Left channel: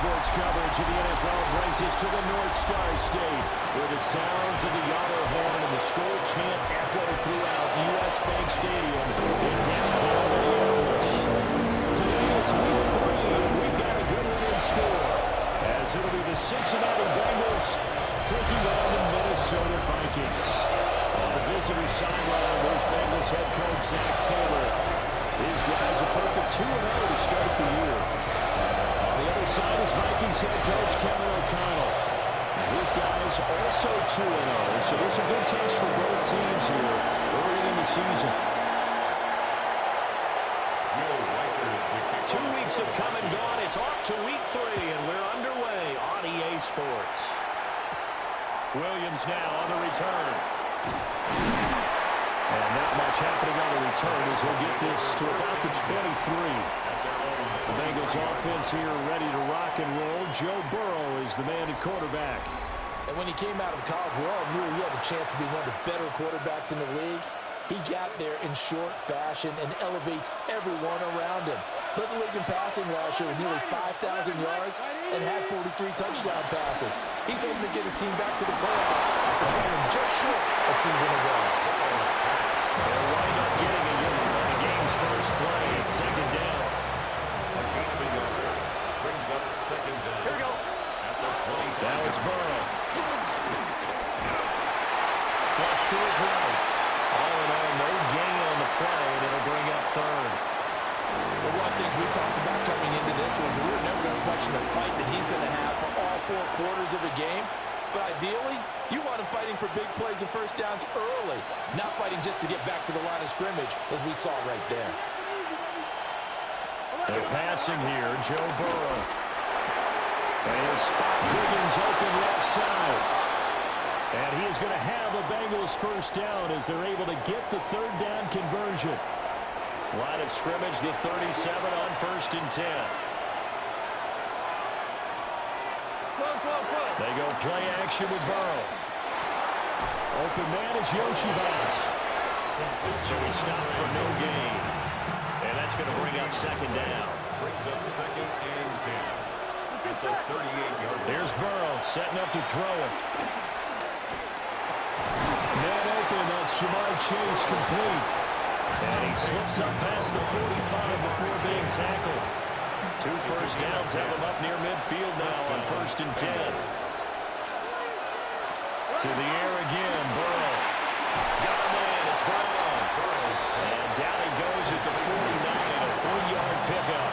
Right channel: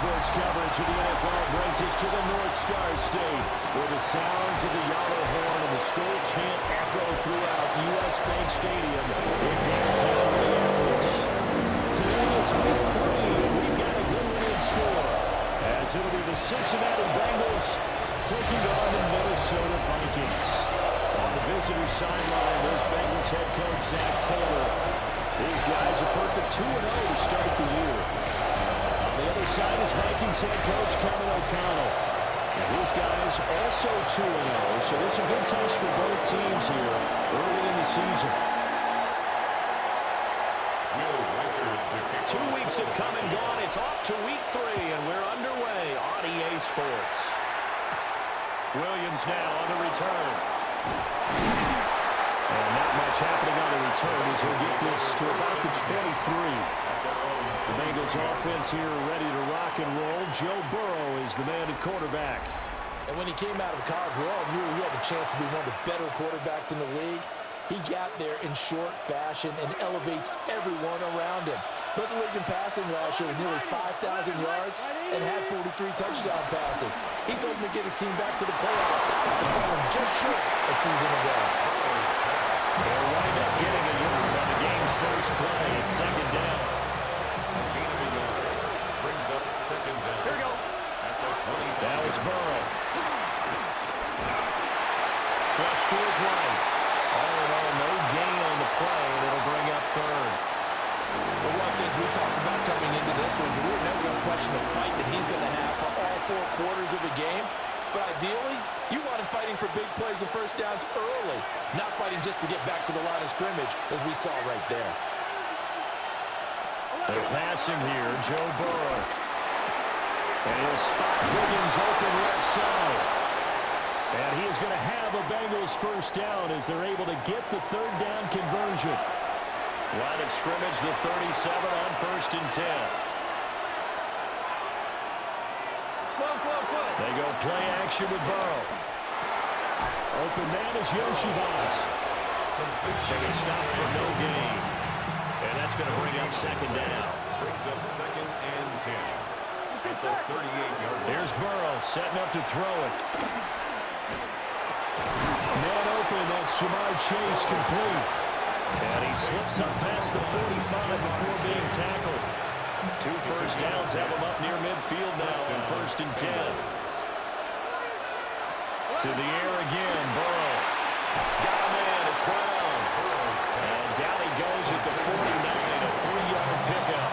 sports coverage of the NFL brings us to the North Star State, where the sounds of the Yawler horn and the Skol chant echo throughout U.S. Bank Stadium in downtown Minneapolis. Today it's week 3, and we've got a good one in store, as it'll be the Cincinnati Bengals taking on the Minnesota Vikings. On the visitor's sideline, there's Bengals head coach Zach Taylor. These guys a perfect 2-0 to start the year. On the other side is Vikings head coach Kevin O'Connell. And his guys also 2-0, so this is a good test for both teams here early in the season. 2 weeks have come and gone. It's off to week 3, and we're underway on EA Sports. Williams now on the return. And not much happening on the return as he'll get this to about the 23. The Bengals offense here ready to rock and roll. Joe Burrow is the man at quarterback. And when he came out of college, we all knew he had a chance to be one of the better quarterbacks in the league. He got there in short fashion and elevates everyone around him. Led the league in passing last year with nearly 5,000 yards and had 43 touchdown passes. He's hoping to get his team back to the playoffs after falling just short a season ago. They'll wind up getting a yard on the game's first play. It's second down. A gain of a yard brings up second down. Here we go. At the 20. Now it's Burrow. Flush to his right. All in all, no gain on the play, and it'll bring up third. Well, one of the things we talked about coming into this was we were never going to question the fight that he's going to have for all 4 quarters of a game. But ideally, you want him fighting for big plays and first downs early, not fighting just to get back to the line of scrimmage, as we saw right there. They're passing here, Joe Burrow. And he'll spot Higgins open left side. And he is going to have a Bengals first down as they're able to get the third down conversion. Line of scrimmage, the 37 on 1st and 10. They go play action with Burrow. Open man is Yoshivas. So he stopped for no gain. And that's going to bring up second down. Brings up second and 10. At the 38-yard line. There's Burrow setting up to throw it. Man open, that's Jamar Chase complete. And he slips up past the 45 before being tackled. 2 first downs have him up near midfield now on 1st and 10. To the air again, Burrow. Got a man, it's Brown. And down he goes at the 49, a 3-yard pickup.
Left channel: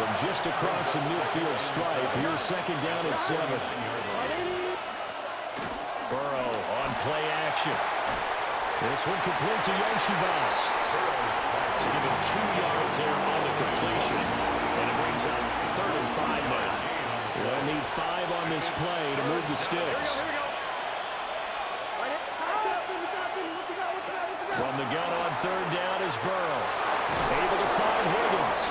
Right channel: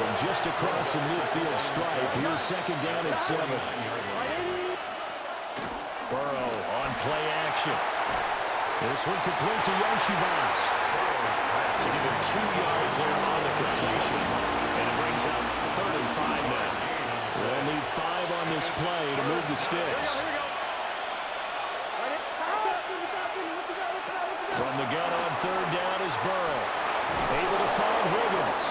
From just across the midfield stripe, here's second down at 7. Burrow on play action. This one complete to Yoshivas. To give him 2 yards there on the completion. And it brings up 3rd and 5 now. They'll need 5 on this play to move the sticks. From the gun on 3rd down is Burrow. Able to find Higgins.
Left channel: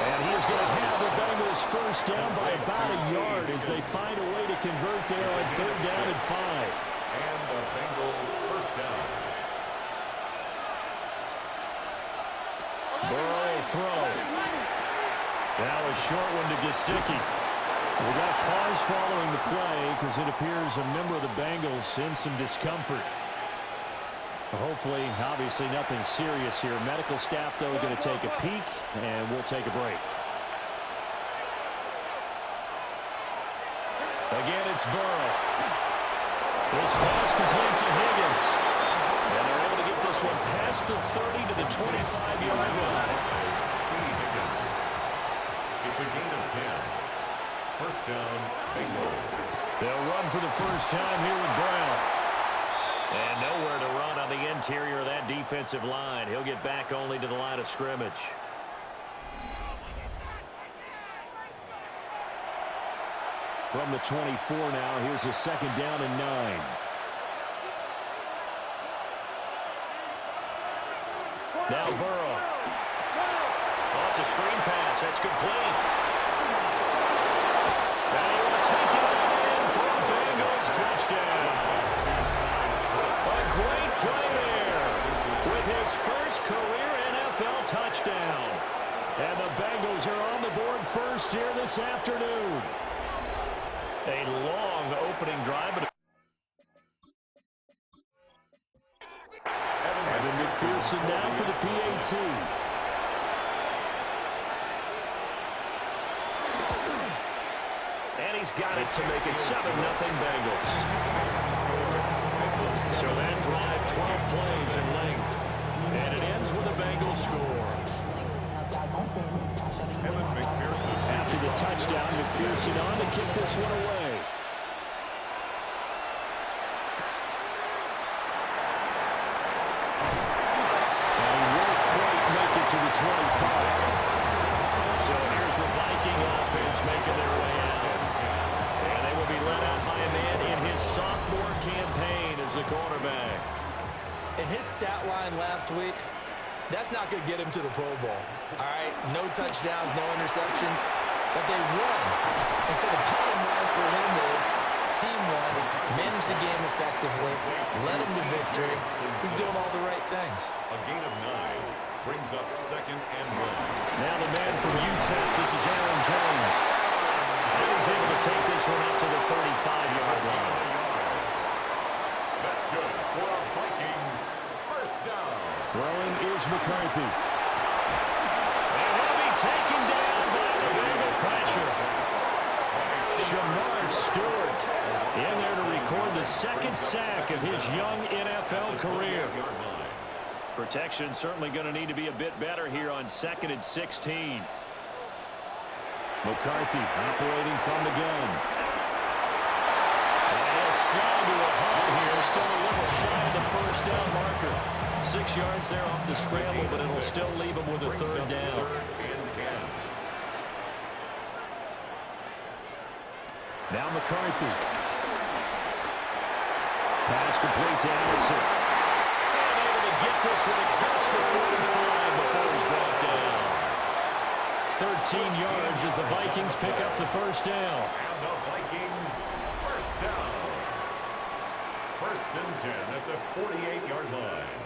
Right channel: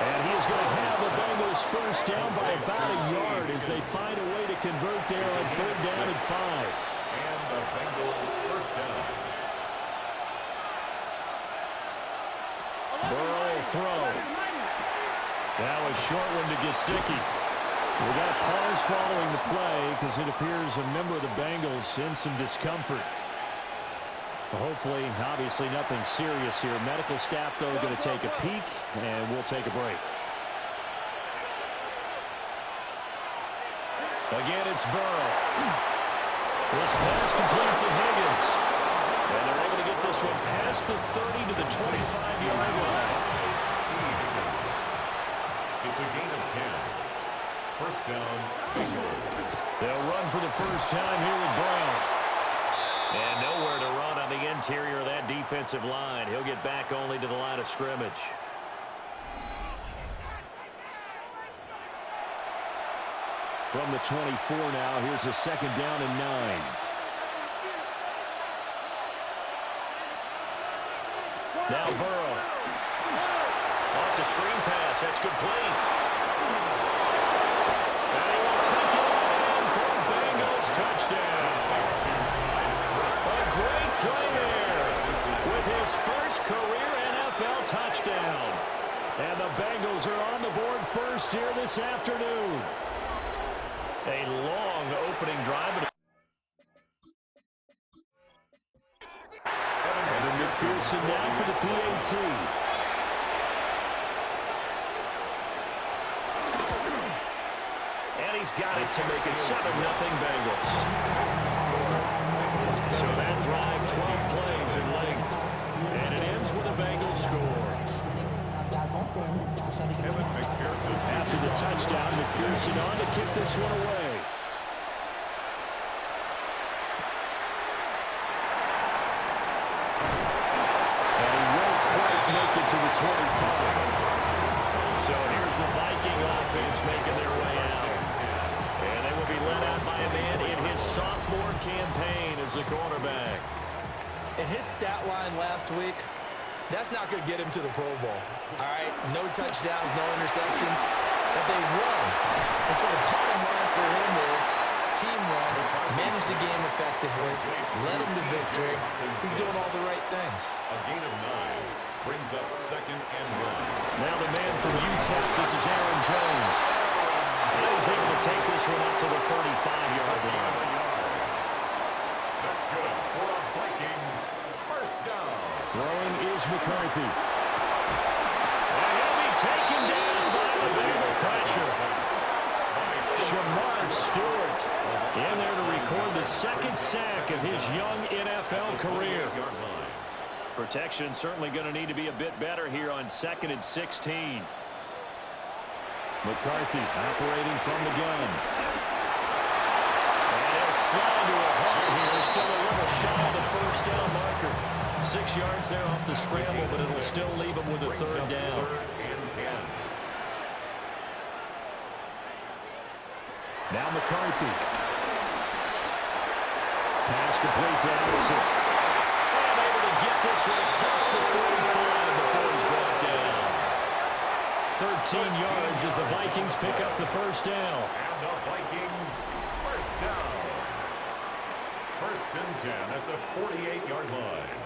And he is going to have the Bengals first down by about a yard as they find a way to convert there on 3rd down and 5. And the Bengals first down. Burrow throw. Now a short one to Gesicki. We got a pause following the play because it appears a member of the Bengals in some discomfort. Hopefully, obviously nothing serious here. Medical staff, though, going to take a peek, and we'll take a break. Again, it's Burrow. This pass complete to Higgins. And they're able to get this one past the 30 to the 25-yard line. It's a gain of 10. First down, Bengals. They'll run for the first time here with Brown. And nowhere to run on the interior of that defensive line. He'll get back only to the line of scrimmage. From the 24 now, here's a second down and 9. Now Burrow. Oh, it's a screen pass. That's complete. And he will take it on in for a Bengals touchdown. A great play there with his first career NFL touchdown. And the Bengals are on the board first here this afternoon. A long opening drive. Evan McPherson now for the PAT. And he's got it to make it 7-0 Bengals. So that drive, 12 plays in length. And it ends with a Bengals score. After the touchdown, McPherson on to kick this one away. And he won't quite make it to the 25. So here's the Viking offense making their way out. And they will be led out by a man in his sophomore campaign as the quarterback. In his stat line last week, that's not going to get him to the Pro Bowl. All right, no touchdowns, no interceptions, but they won. And so the bottom line for him is team won, managed the game effectively, led him to victory. He's doing all the right things. A gain of 9 brings up 2nd and 1. Now the man from UTEP, this is Aaron Jones. And he's able to take this one up to the 35-yard line. That's good for a Vikings first down. Throwing is McCarthy. And he'll be taken down by the Bengal pressure. Shamar Stewart in there to record the 2nd sack of his young NFL career. Protection certainly going to need to be a bit better here on 2nd and 16. McCarthy operating from the gun. And he'll slide to a halt here. Still a little shy of the first down marker. 6 yards there off the scramble, but it'll still leave him with a 3rd down. 3rd and 10. Now McCarthy. Pass complete to Addison. And able to get this one across the 45 before he's brought down. 13 yards as the Vikings pick up the first down. And the Vikings first down. 1st and 10 at the 48-yard line.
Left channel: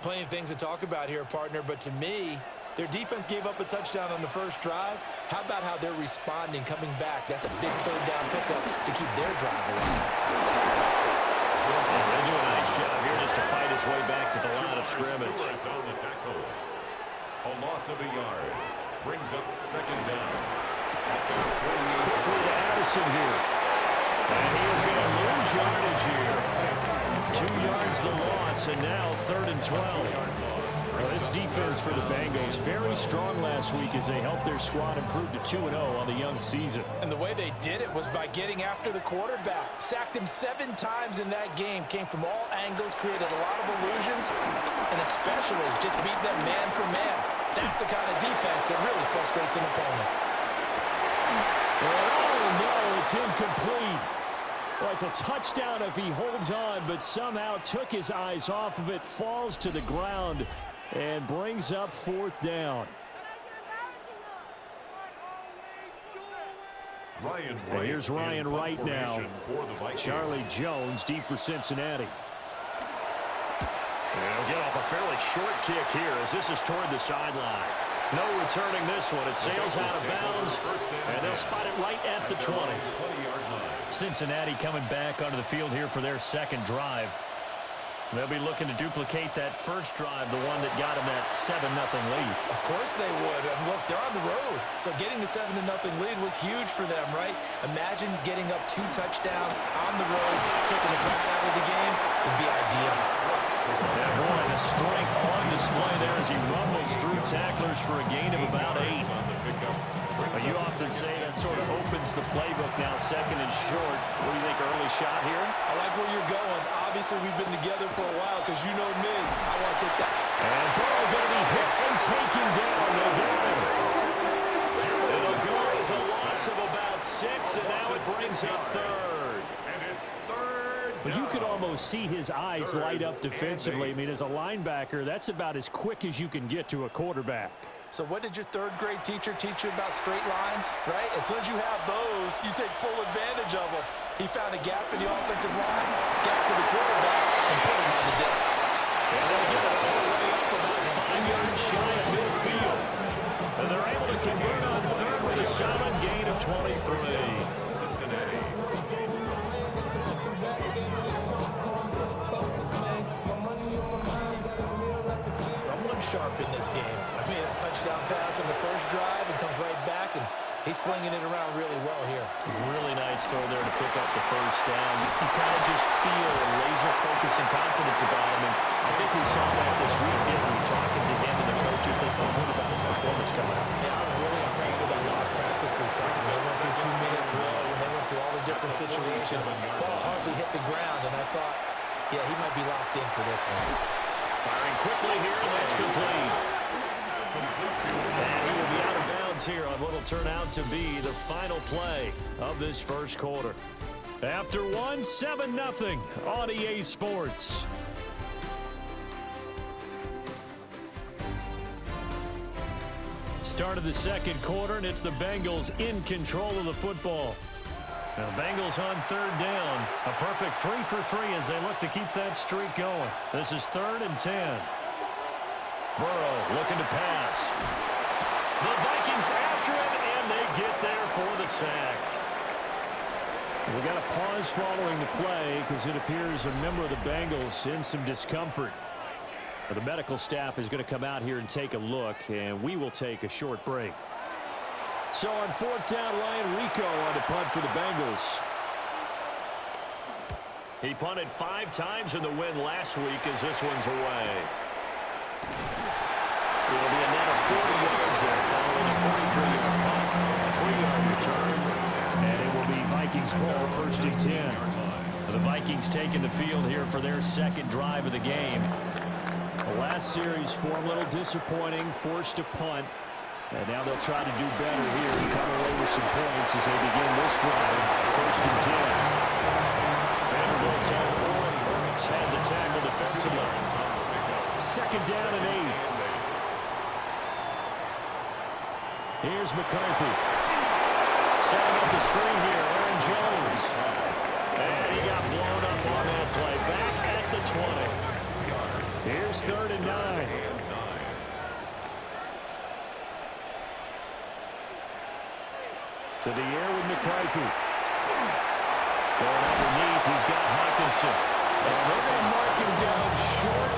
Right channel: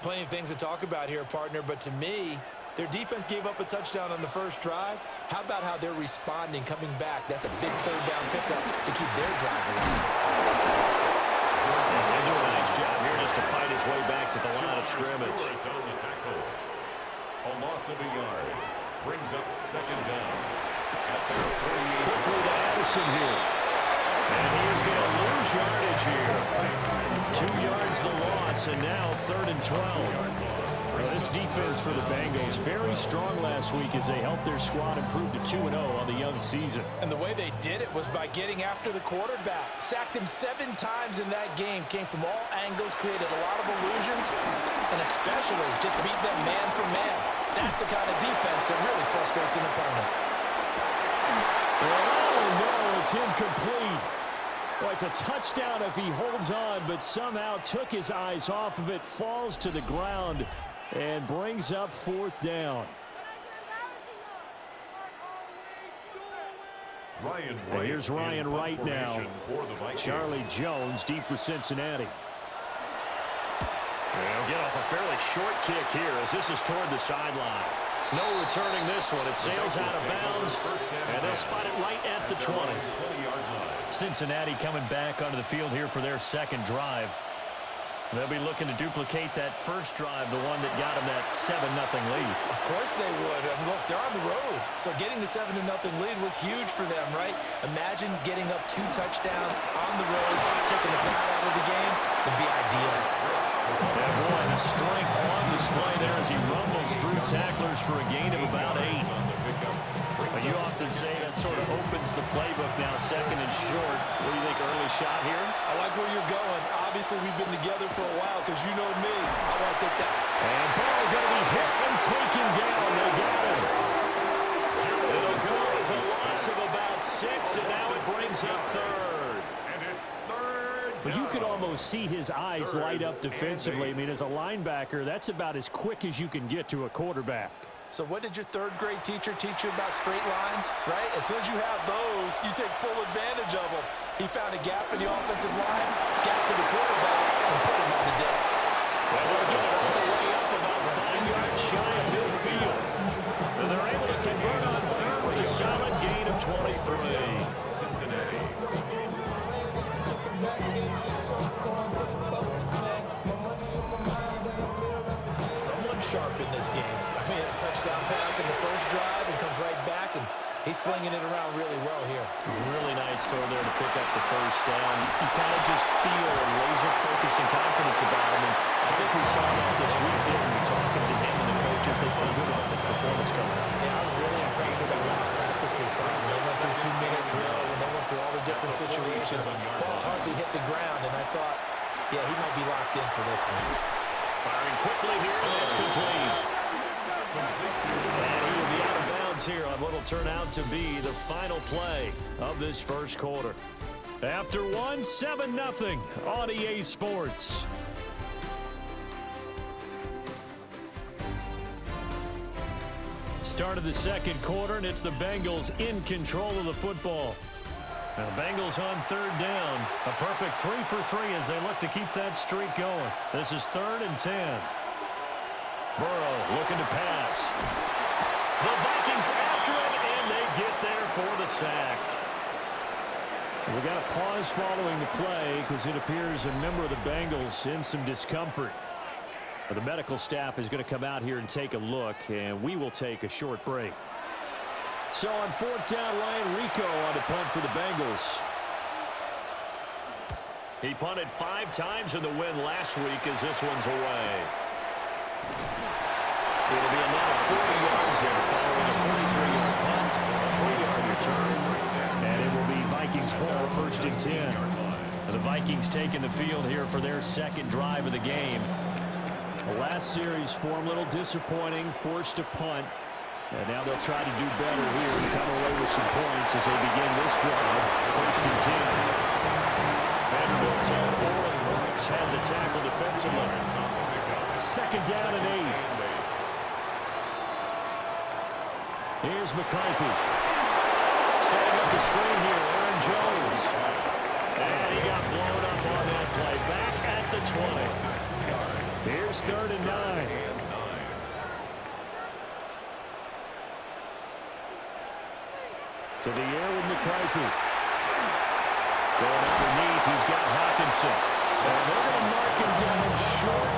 Plenty of things to talk about here, partner, but to me, their defense gave up a touchdown on the first drive. How about how they're responding, coming back? That's a big 3rd down pickup to keep their drive alive. Yeah, they do a nice job here just to fight his way back to the line of scrimmage. On the tackle. A loss of a yard brings up 2nd down at their 48. Quickly to Addison here. And he is going to lose yardage here. 2 yards the loss, and now 3rd and 12. Well, this defense for the Bengals, very strong last week as they helped their squad improve to 2-0 on the young season. And the way they did it was by getting after the quarterback. Sacked him 7 times in that game. Came from all angles, created a lot of illusions, and especially just beat them man for man. That's the kind of defense that really frustrates an opponent. Oh, no, it's incomplete. Well, it's a touchdown if he holds on, but somehow took his eyes off of it, falls to the ground, and brings up 4th down. Ryan And Wright here's Ryan Wright now. For the Vikings. Charlie Jones deep for Cincinnati. They'll get off a fairly short kick here as this is toward the sideline. No returning this one. It sails out of bounds, and they'll spot it right at the 20. 20-yard line. Cincinnati coming back onto the field here for their 2nd drive. They'll be looking to duplicate that first drive, the one that got them that 7-0 lead. Of course they would. And look, they're on the road. So getting the 7-0 lead was huge for them, right? Imagine getting up 2 touchdowns on the road, taking the crowd out of the game. It'd be ideal. Yeah, boy, the strength on display there as he rumbles through tacklers for a gain of about 8. But you often say that sort of opens the playbook now, 2nd and short. What do you think, early shot here? I like where you're going. Obviously, we've been together for a while because you know me. I want to take that. And Burrow going to be hit and taken down. They got him. It'll go as a loss of about 6, and now it brings up 3rd. And it's 3rd But down. you could almost see his eyes light up defensively. I mean, as a linebacker, that's about as quick as you can get to a quarterback. So what did your third grade teacher teach you about straight lines, right? As soon as you have those, you take full advantage of them. He found a gap in the offensive line, got to the quarterback, and put him on the deck. And they'll get it all the way up about 5 yards shy of midfield. And they're able to convert on third with a solid gain of 23. Cincinnati. Someone sharp in this game. I mean, a touchdown pass in the first drive and comes right back, and he's flinging it around really well here. Really nice throw there to pick up the first down. You kind of just feel a laser focus and confidence about him, and I think we saw that this week, didn't we? Talking to him and the coaches, they felt good about his performance coming up. Yeah, I was really impressed with that last practice we saw. When they went through 2-minute drill, when they went through all the different situations, ball hardly hit the ground, and I thought, yeah, he might be locked in for this one. Firing quickly here, and that's complete. And he will be out of bounds here on what will turn out to be the final play of this first quarter. After one, 7-0 on EA Sports. Start of the second quarter, and it's the Bengals in control of the football. Now the Bengals on third down. A perfect 3 for 3 as they look to keep that streak going. This is 3rd and 10. Burrow looking to pass. The Vikings after it, and they get there for the sack. We got a pause following the play because it appears a member of the Bengals in some discomfort. The medical staff is going to come out here and take a look, and we will take a short break. So on 4th down, Ryan Rico on to punt for the Bengals. He punted 5 times in the win last week as this one's away. It'll be a net of 40 yards there following a 43-yard punt, a 3-yard return, and it will be Vikings ball 1st and 10. The Vikings taking the field here for their second drive of the game. The last series for them a little disappointing, forced to punt. And now they'll try to do better here and come away with some points as they begin this drive. 1st and 10. Vanderbilt's own Oren Burks had the tackle defensively. 2nd down and 8. Here's McCarthy. Setting up the screen here, Aaron Jones. And he got blown up on that play. Back at the 20. Here's 3rd and 9. To the air with McCarthy. Going underneath, he's got Hawkinson. And they're going to mark him down short,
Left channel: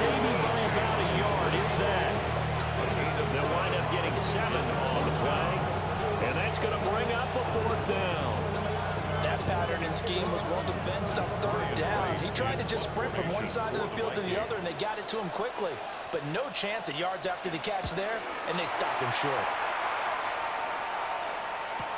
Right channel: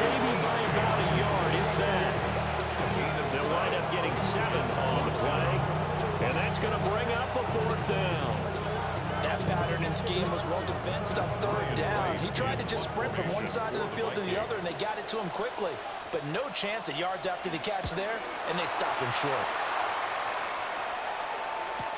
maybe by about a yard, if that. They'll wind up getting 7 on the play. And that's going to bring up a 4th down. That pattern and scheme was well defensed on 3rd down. He tried to just sprint from one side of the field to the other, and they got it to him quickly. But no chance at yards after the catch there, and they stopped him short.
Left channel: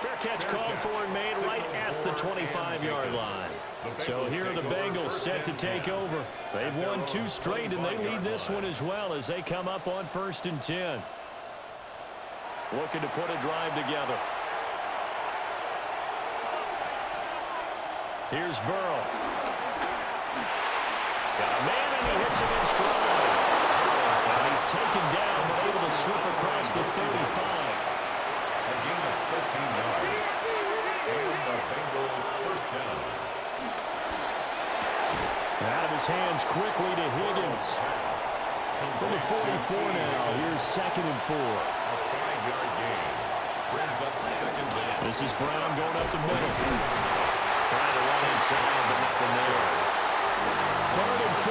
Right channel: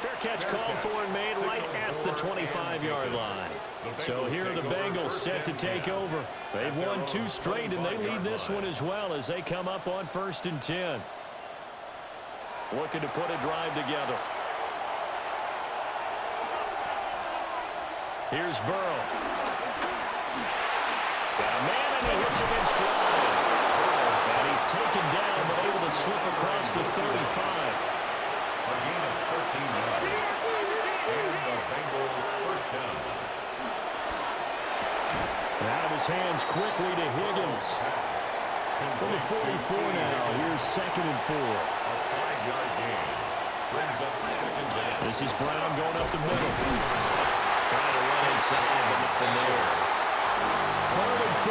Fair catch called for and made right at the 25-yard line. So here are the Bengals set to take over. They've won 2 straight, and they lead this one as well as they come up on 1st and 10. Looking to put a drive together. Here's Burrow. Got a man, and he hits him in stride. And he's taken down, but able to slip across the 35. A gain of 13 yards. And the Bengals 1st down. Out of his hands quickly to Higgins. From the 44 now, here's 2nd and 4. A 5-yard gain. Brings up 2nd down. This is Brown going up the middle. Trying to run inside, but nothing there. 3rd and 4.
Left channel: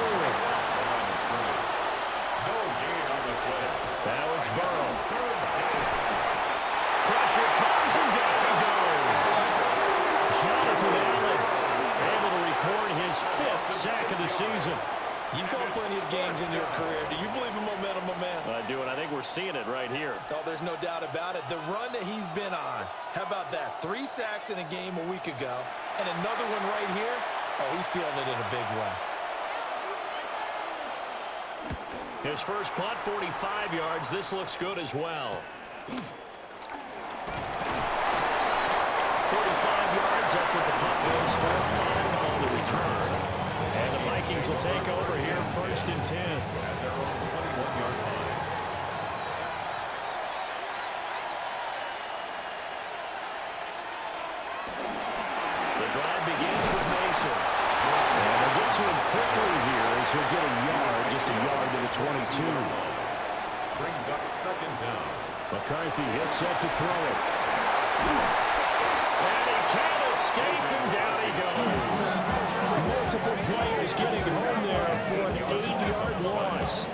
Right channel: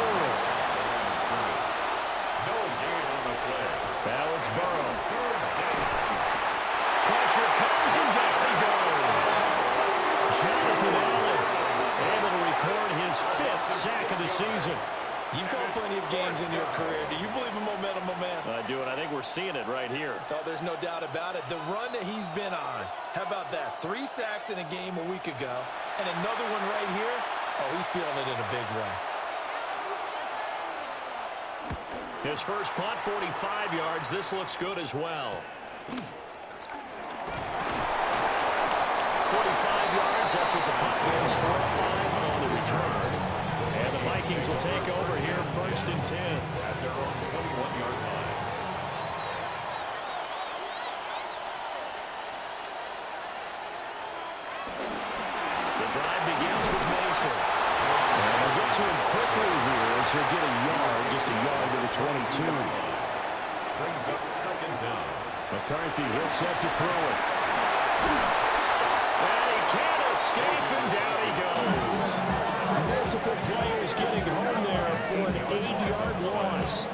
No gain on the play. Now it's Burrow. Pressure comes, and down he goes. Jonathan Allen able to record his 5th sack of the season. You've called plenty of games in your career. Do you believe in momentum, my man? I do, and I think we're seeing it right here. Oh, there's no doubt about it. The run that he's been on. How about that? 3 sacks in a game a week ago, and another one right here. Oh, he's feeling it in a big way. His first punt, 45 yards. This looks good as well. 45 yards, that's what the punt goes for. 5 on the return. And the Vikings will take over here 1st and 10. At their own 21-yard line. to him quickly here as he'll get a yard, just a yard to the 22. Brings up second down. McCarthy, he'll set to throw it. And he can't escape, and down he goes. Multiple players getting home there for an 8-yard loss.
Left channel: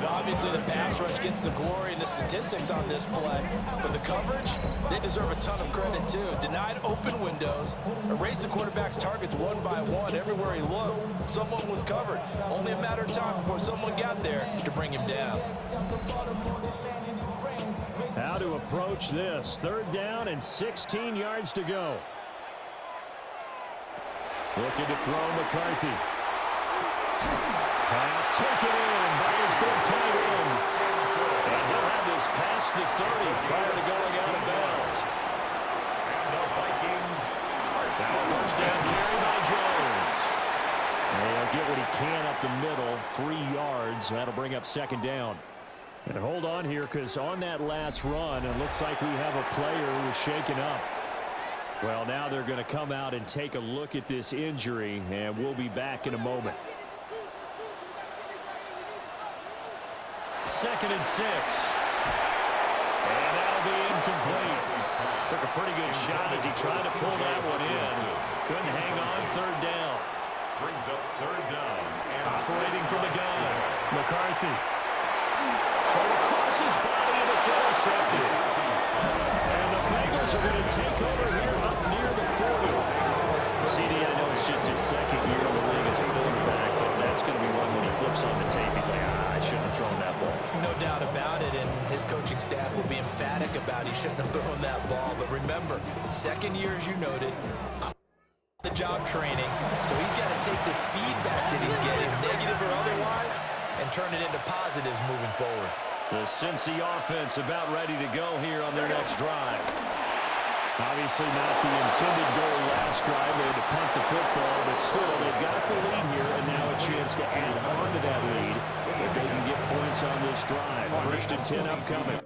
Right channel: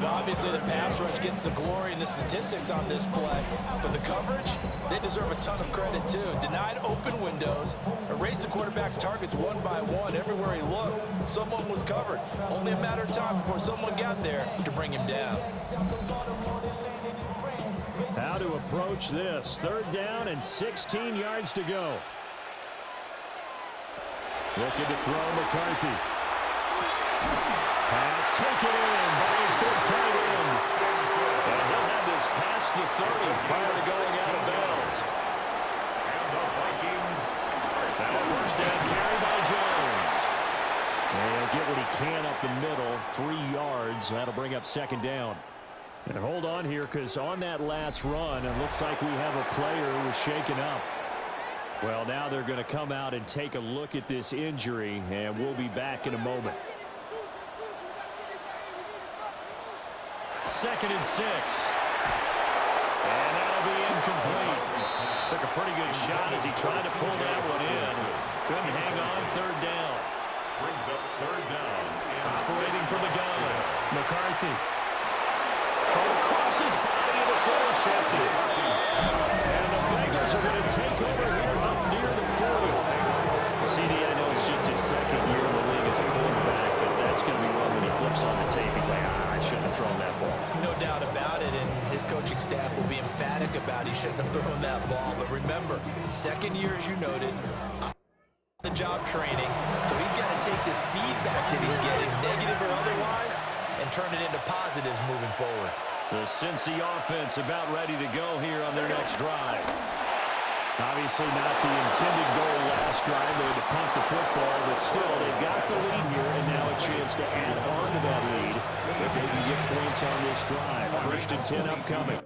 Well, obviously, the pass rush gets the glory and the statistics on this play, but the coverage, they deserve a ton of credit, too. Denied open windows, erased the quarterback's targets one by one. Everywhere he looked, someone was covered. Only a matter of time before someone got there to bring him down. How to approach this. 3rd down and 16 yards to go. Looking to throw McCarthy. Pass taken in by his big tight end. And he'll have this past the 30 prior to going out of bounds. And the Vikings are Now a first down carry by Jones. And he'll get what he can up the middle, 3 yards. That'll bring up 2nd down. And hold on here, because on that last run, it looks like we have a player who was shaken up. Well, now they're going to come out and take a look at this injury, and we'll be back in a moment. 2nd and 6. And that'll be incomplete. Took a pretty good shot as he tried to pull that one in. Couldn't hang on 3rd down. brings up 3rd down. And operating from the gun. McCarthy. Thrown across his body, and it's intercepted. And the Bengals are going to take over here up near the 40. CD, I know it's just his 2nd year in the league as a quarterback, but that's going to be one when he flips on the tape. He's like, I shouldn't have thrown that ball. No doubt about it, and his coaching staff will be emphatic about he shouldn't have thrown that ball. But remember, 2nd year, as you noted, the job training, so he's got to take this feedback that he's getting, negative or otherwise, and turn it into positives moving forward. The Cincy offense about ready to go here on their next drive. Obviously not the intended goal last drive. They had to punt the football, but still, they've got the lead here, and now a chance to add on to that lead if they can get points on this drive. 1st and 10 upcoming.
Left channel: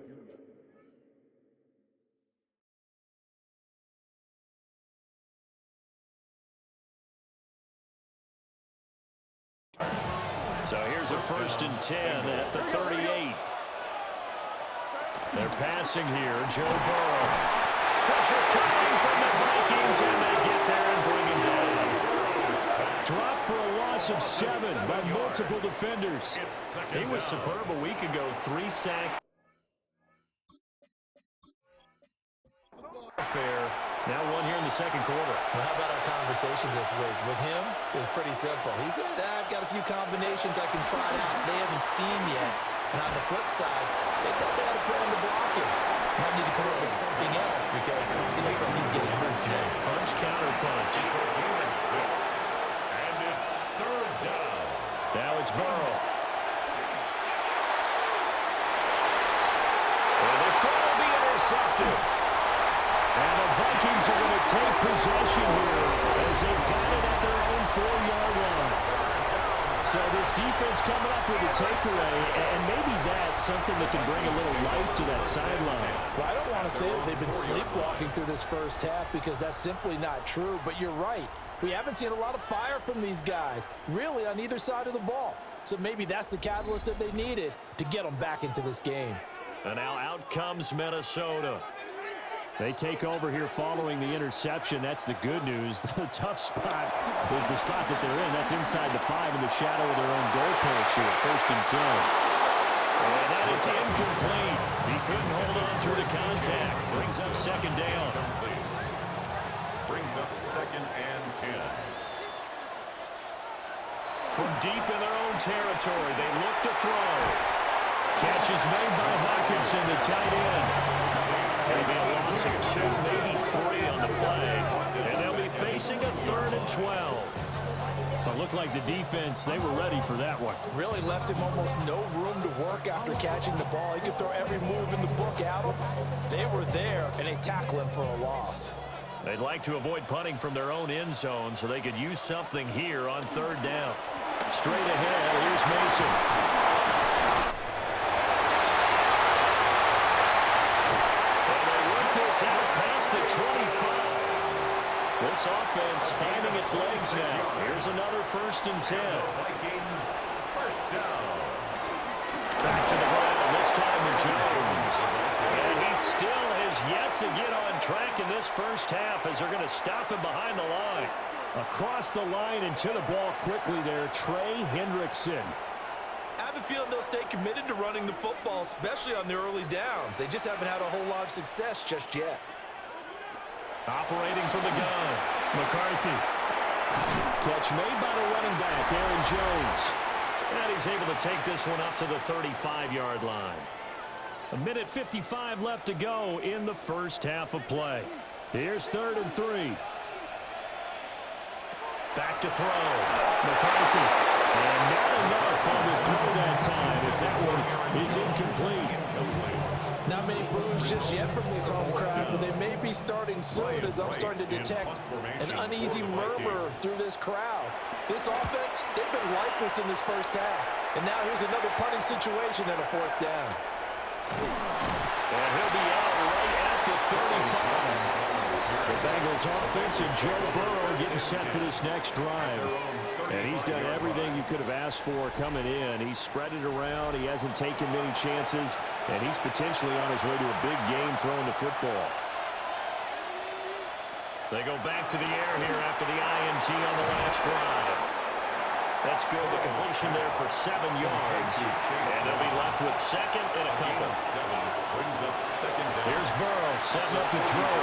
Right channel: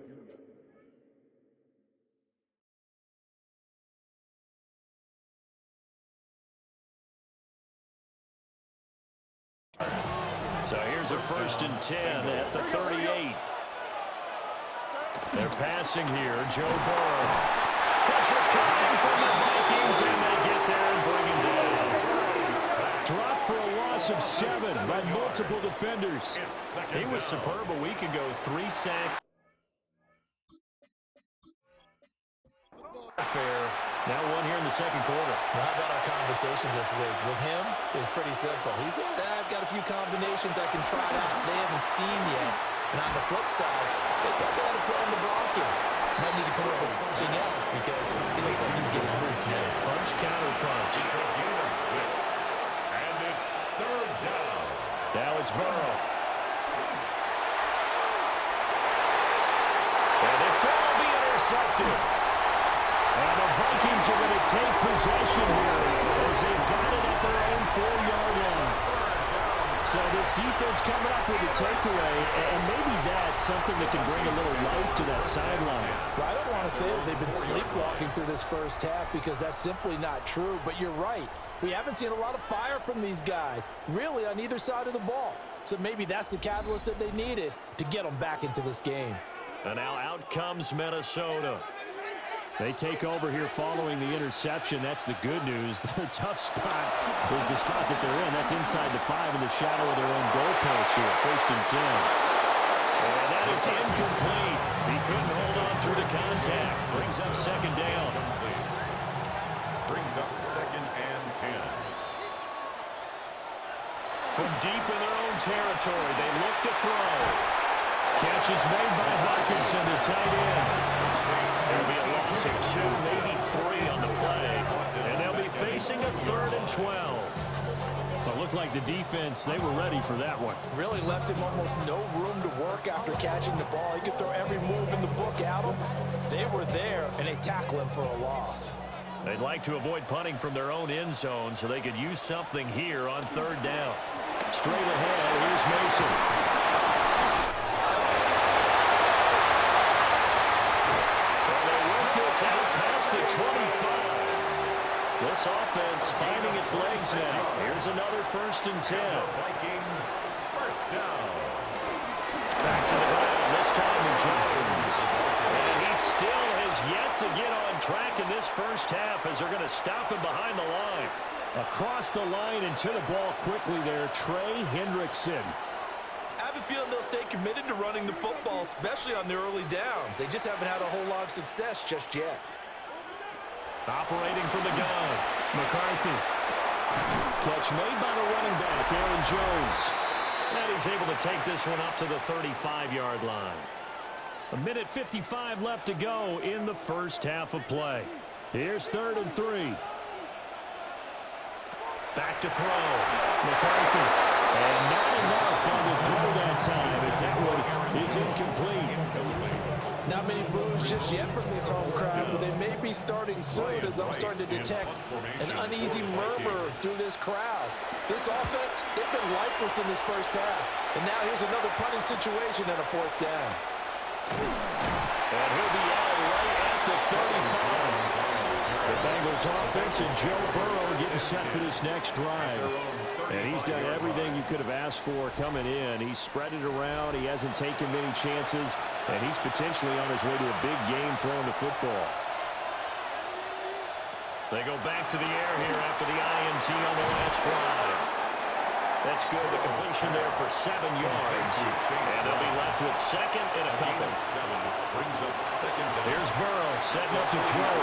So here's a 1st and 10 at the 38. They're passing here. Joe Burrow. Pressure coming from the Vikings, and they get there and bring him down. Dropped for a loss of 7 by multiple defenders. He was superb a week ago. 3 sacks. Fair. Now 1 here in the 2nd quarter. Well, how about our conversations this week? With him, it was pretty simple. He said, I've got a few combinations I can try out they haven't seen yet. And on the flip side, they thought they had a plan to block him. Might need to come up with something else because he looks like he's getting loose now. Punch, counter punch. And it's 3rd down. Now it's Burrow. And this ball will be intercepted. And the Vikings are going to take possession here as they've got it at their own 4-yard line. So this defense coming up with a takeaway, and maybe that's something that can bring a little life to that sideline. Well, I don't want to say that they've been sleepwalking through this first half because that's simply not true, but you're right. We haven't seen a lot of fire from these guys, really on either side of the ball. So maybe that's the catalyst that they needed to get them back into this game. And now out comes Minnesota. They take over here following the interception. That's the good news. The tough spot is the spot that they're in. That's inside the 5 in the shadow of their own goalpost here. 1st and 10. And that is incomplete. He couldn't hold on through the contact. Brings up 2nd down. Brings up 2nd and 10. From deep in their own territory, they look to throw. Catch is made by Hawkinson, the tight end. There'll be a loss of 2, maybe 3 on the play. And they'll be facing a 3rd and 12. But it looked like the defense, they were ready for that one. Really left him almost no room to work after catching the ball. He could throw every move in the book at him. They were there, and they tackle him for a loss. They'd like to avoid punting from their own end zone so they could use something here on 3rd down. Straight ahead, here's Mason. Out past the 25. This offense finding its legs now. Here's another 1st and 10. Vikings, first down. Back to the ground, this time with Jones. And he still has yet to get on track in this first half as they're going to stop him behind the line. Across the line and to the ball quickly there, Trey Hendrickson. I have a feeling they'll stay committed to running the football, especially on the early downs. They just haven't had a whole lot of success just yet. Operating from the gun, McCarthy. Catch made by the running back, Aaron Jones. And he's able to take this one up to the 35-yard line. 1:55 left to go in the first half of play. Here's 3rd and 3. Back to throw. McCarthy. And not enough on the throw that time as that one is incomplete. Not many boos just yet from this home crowd, but they may be starting soon as I'm starting to detect an uneasy murmur through this crowd. This offense, they've been lifeless in this first half. And now here's another punting situation and a 4th down. And he'll be out right at the 35. The Bengals offense and Joe Burrow getting set for this next drive. And he's done everything you could have asked for coming in. He's spread it around. He hasn't taken many chances. And he's potentially on his way to a big game throwing the football. They go back to the air here after the INT on the last drive. That's good. The completion there for 7 yards. And they'll be left with 2nd and a couple. Brings up 2nd down. Here's Burrow setting up to throw.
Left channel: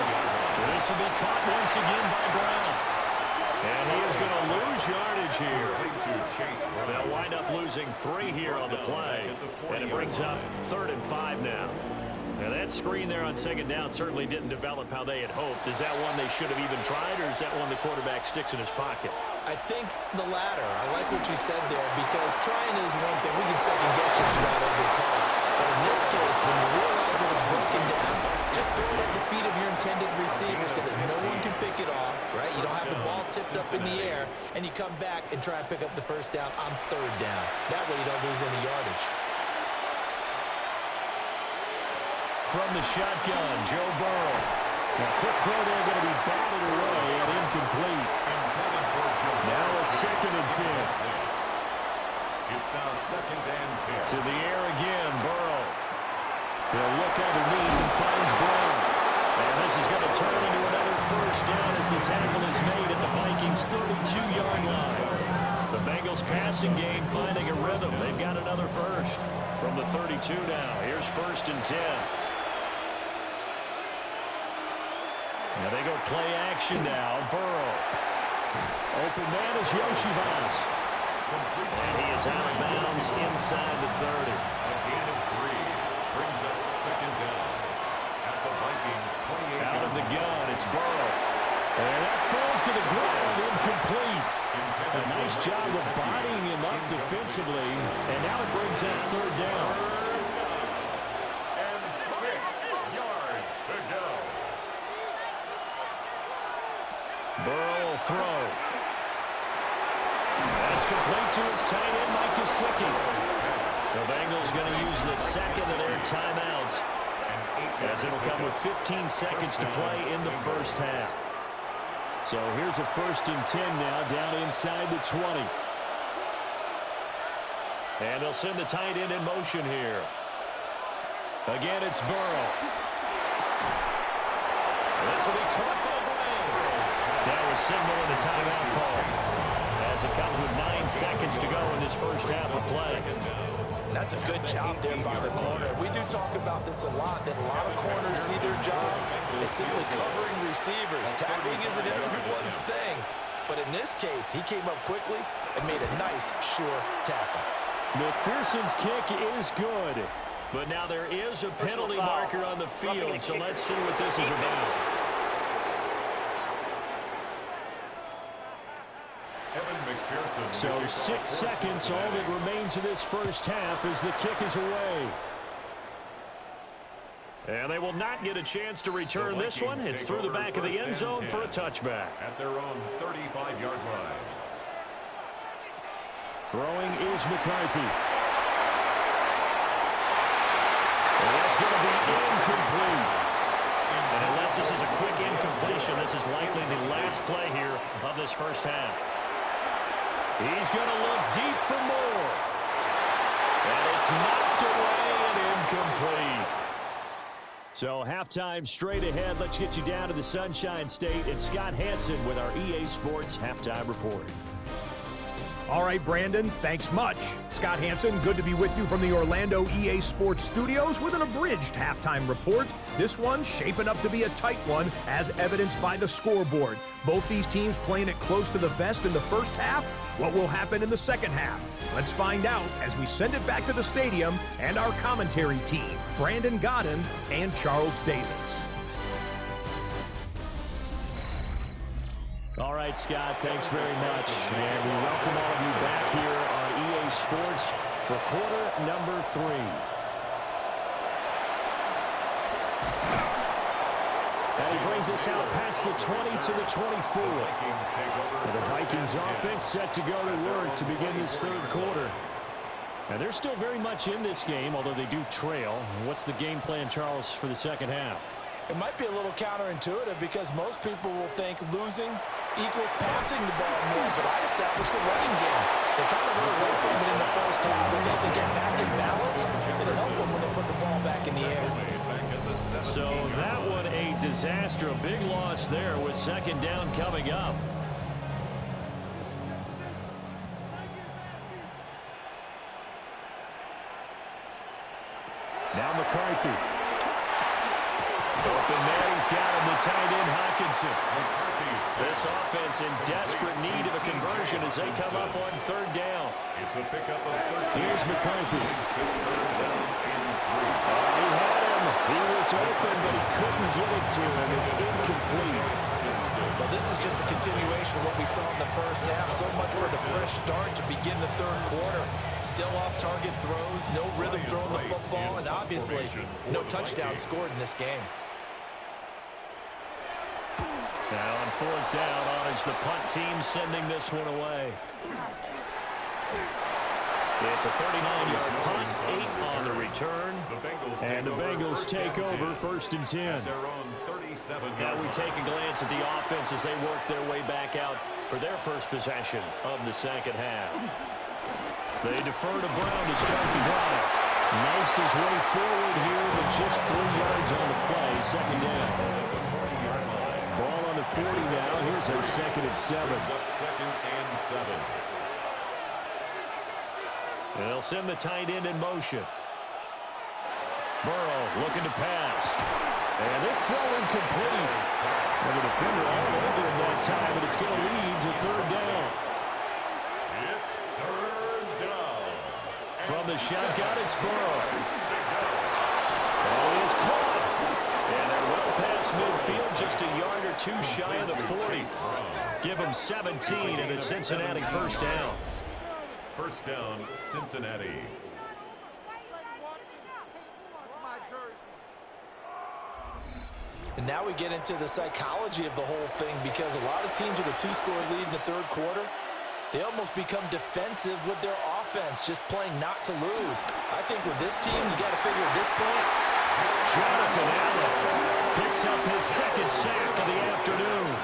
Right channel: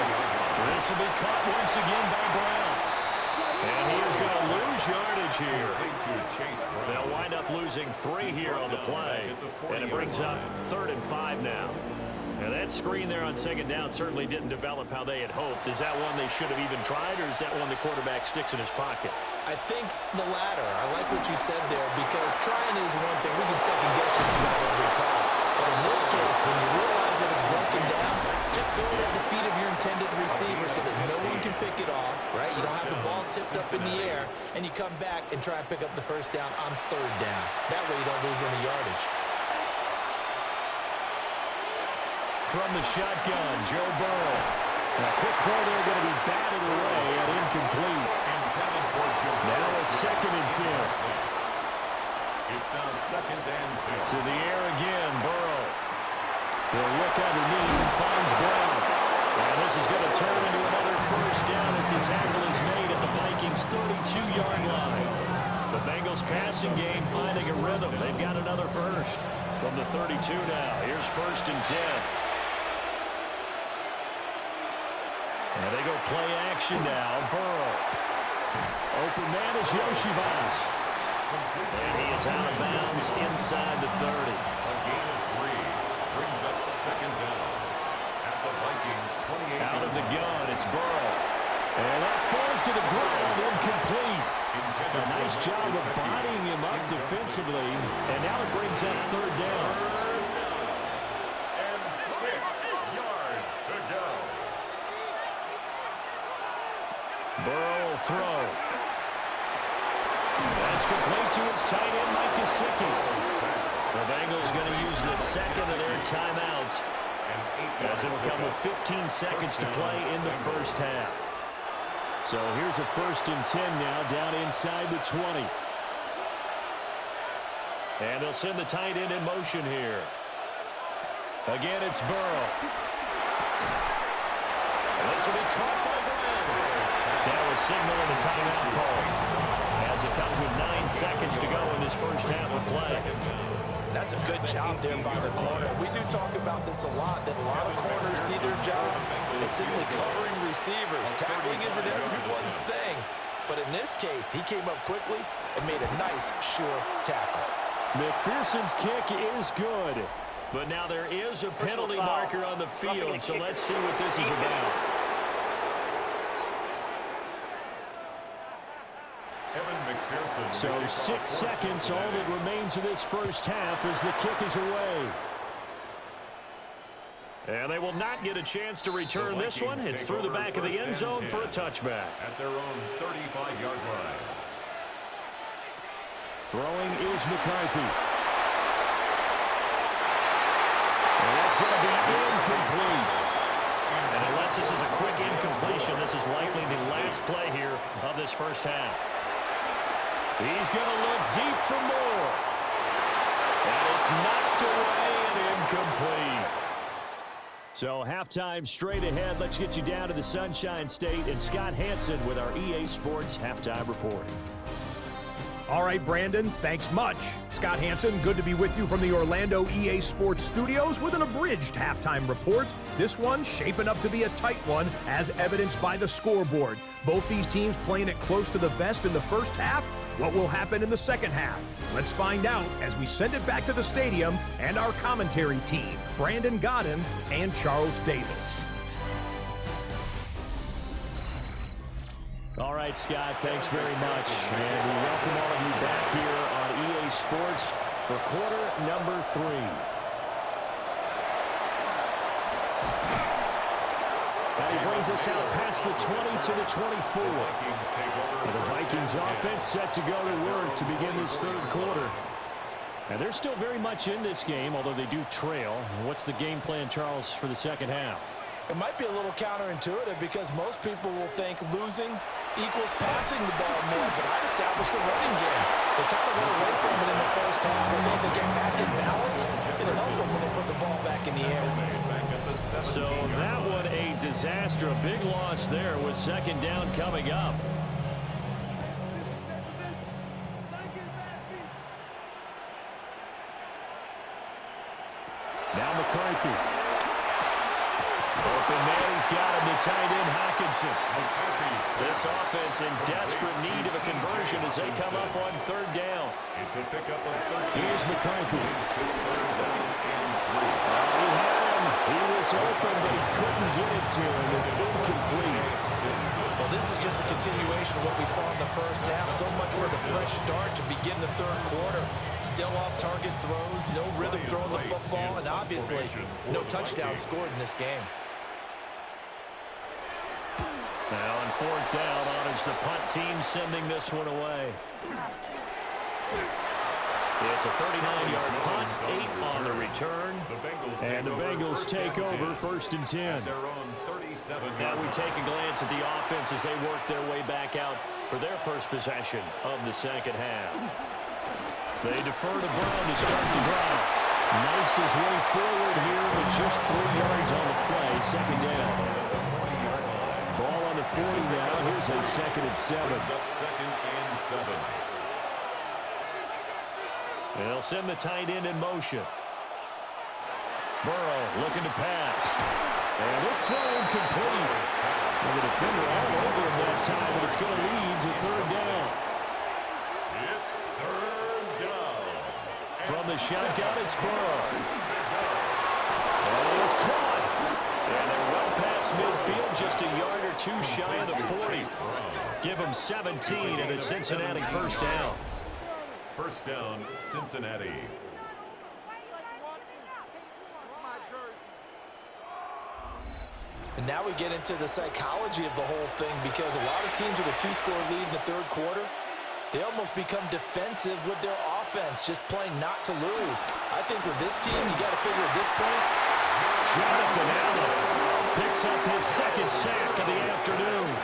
This will be caught once again by Brown. And he is going to lose yardage here. They'll wind up losing 3 here on the play. And it brings up 3rd and 5 now. And that screen there on 2nd down certainly didn't develop how they had hoped. Is that one they should have even tried, or is that one the quarterback sticks in his pocket? I think the latter. I like what you said there because trying is one thing. We can second guess just about every call. But in this case, when you realize that it's broken down, just throw it at the feet of your intended receiver so that no one can pick it off, right? You don't have the ball tipped up in the air, and you come back and try and pick up the 1st down on 3rd down. That way you don't lose any yardage. From the shotgun, Joe Burrow. Now, quick throw there going to be batted away and incomplete. Now a 2nd and 10. It's now 2nd and 10. To the air again, Burrow. He'll look underneath and finds Brown. And this is going to turn into another 1st down as the tackle is made at the Vikings' 32-yard line. The Bengals passing game finding a rhythm. They've got another 1st. From the 32 now, here's 1st and 10. And they go play action now. Burrow. Open man is Yoshivas. And he is out of bounds inside the 30. A gain of 3 brings up 2nd down at the Vikings 28. Out of the gun, it's Burrow. And that falls to the ground, incomplete. A nice job of bodying him up defensively. And now it brings up 3rd down. And 6 yards to go. Burrow will throw. That's complete to his tight end, Mike Gesicki. The Bengals going to use the 2nd of their timeouts as it'll come with 15 seconds to play in the first half. So here's a 1st and 10 now down inside the 20. And they'll send the tight end in motion here. Again, it's Burrow. This will be caught by Brown. That was signaling a timeout call as it comes with 9 seconds to go in this first half of play. That's a good job there by the corner. We do talk about this a lot, that a lot of corners see their job as simply covering receivers. Tackling isn't everyone's thing. But in this case, he came up quickly and made a nice, sure tackle. McPherson's kick is good. But now there is a penalty marker on the field, so let's see what this is about. So 6 seconds, all that remains of this first half as the kick is away. And they will not get a chance to return this one. It's through the back of the end zone for a touchback. At their own 35-yard line. Throwing is McCarthy. And that's going to be incomplete. And unless this is a quick incompletion, this is likely the last play here of this first half. He's going to look deep for more. And it's knocked away and incomplete. So halftime straight ahead. Let's get you down to the Sunshine State and Scott Hansen with our EA Sports Halftime Report. All right, Brandon, thanks much. Scott Hansen, good to be with you from the Orlando EA Sports Studios with an abridged halftime report. This one shaping up to be a tight one, as evidenced by the scoreboard. Both these teams playing it close to the vest in the first half. What will happen in the second half? Let's find out as we send it back to the stadium and our commentary team, Brandon Godden and Charles Davis. All right, Scott, thanks very much. And we welcome all of you back here on EA Sports for quarter number 3. And he brings us out past the 20 to the 24. And the Vikings offense set to go to work to begin this third quarter. And they're still very much in this game, although they do trail. What's the game plan, Charles, for the second half? It might be a little counterintuitive because most people will think losing equals passing the ball more, but I'd establish the running game. They kind of went away from it in the first half, but then they get back in balance. It'll help them when they put the ball back in the air. So that one a disaster, a big loss there with second down coming up. Now McCarthy. Open man, he's got him, the tight end Hockenson. This offense in desperate need of a conversion as they come up on third down. It's a pickup of 13. Here's McCarthy. Third down and 3. He had him. He was open, but he couldn't get it to him. It's incomplete. Well, this is just a continuation of what we saw in the first half. So much for the fresh start to begin the third quarter. Still off-target throws, no rhythm throwing the football, and obviously no touchdown scored in this game. Now on fourth down, on is the punt team sending this one away. It's a 39-yard punt, 8 on the return, and the Bengals take over first and 10. Now we take a glance at the offense as they work their way back out for their first possession of the second half. They defer to Brown to start the drive. Knifes his way forward here, but just 3 yards on the play, second down. Ball on the 40 now. Here's a second and 7. Second and 7. And they'll send the tight end in motion. Burrow looking to pass. And this throw incomplete. And the defender all over him that time, and it's going to lead to third down. It's third down. From the shotgun, it's Burrow. And he is caught. And they're well past midfield, just a yard or 2 shy of the 40. Give them 17 and a Cincinnati first down. First down, Cincinnati. And now we get into the psychology of the whole thing, because a lot of teams with a 2-score lead in the third quarter, they almost become defensive with their offense, just playing not to lose. I think with this team, you got to figure at this point, Jonathan Allen picks up his second sack of the afternoon.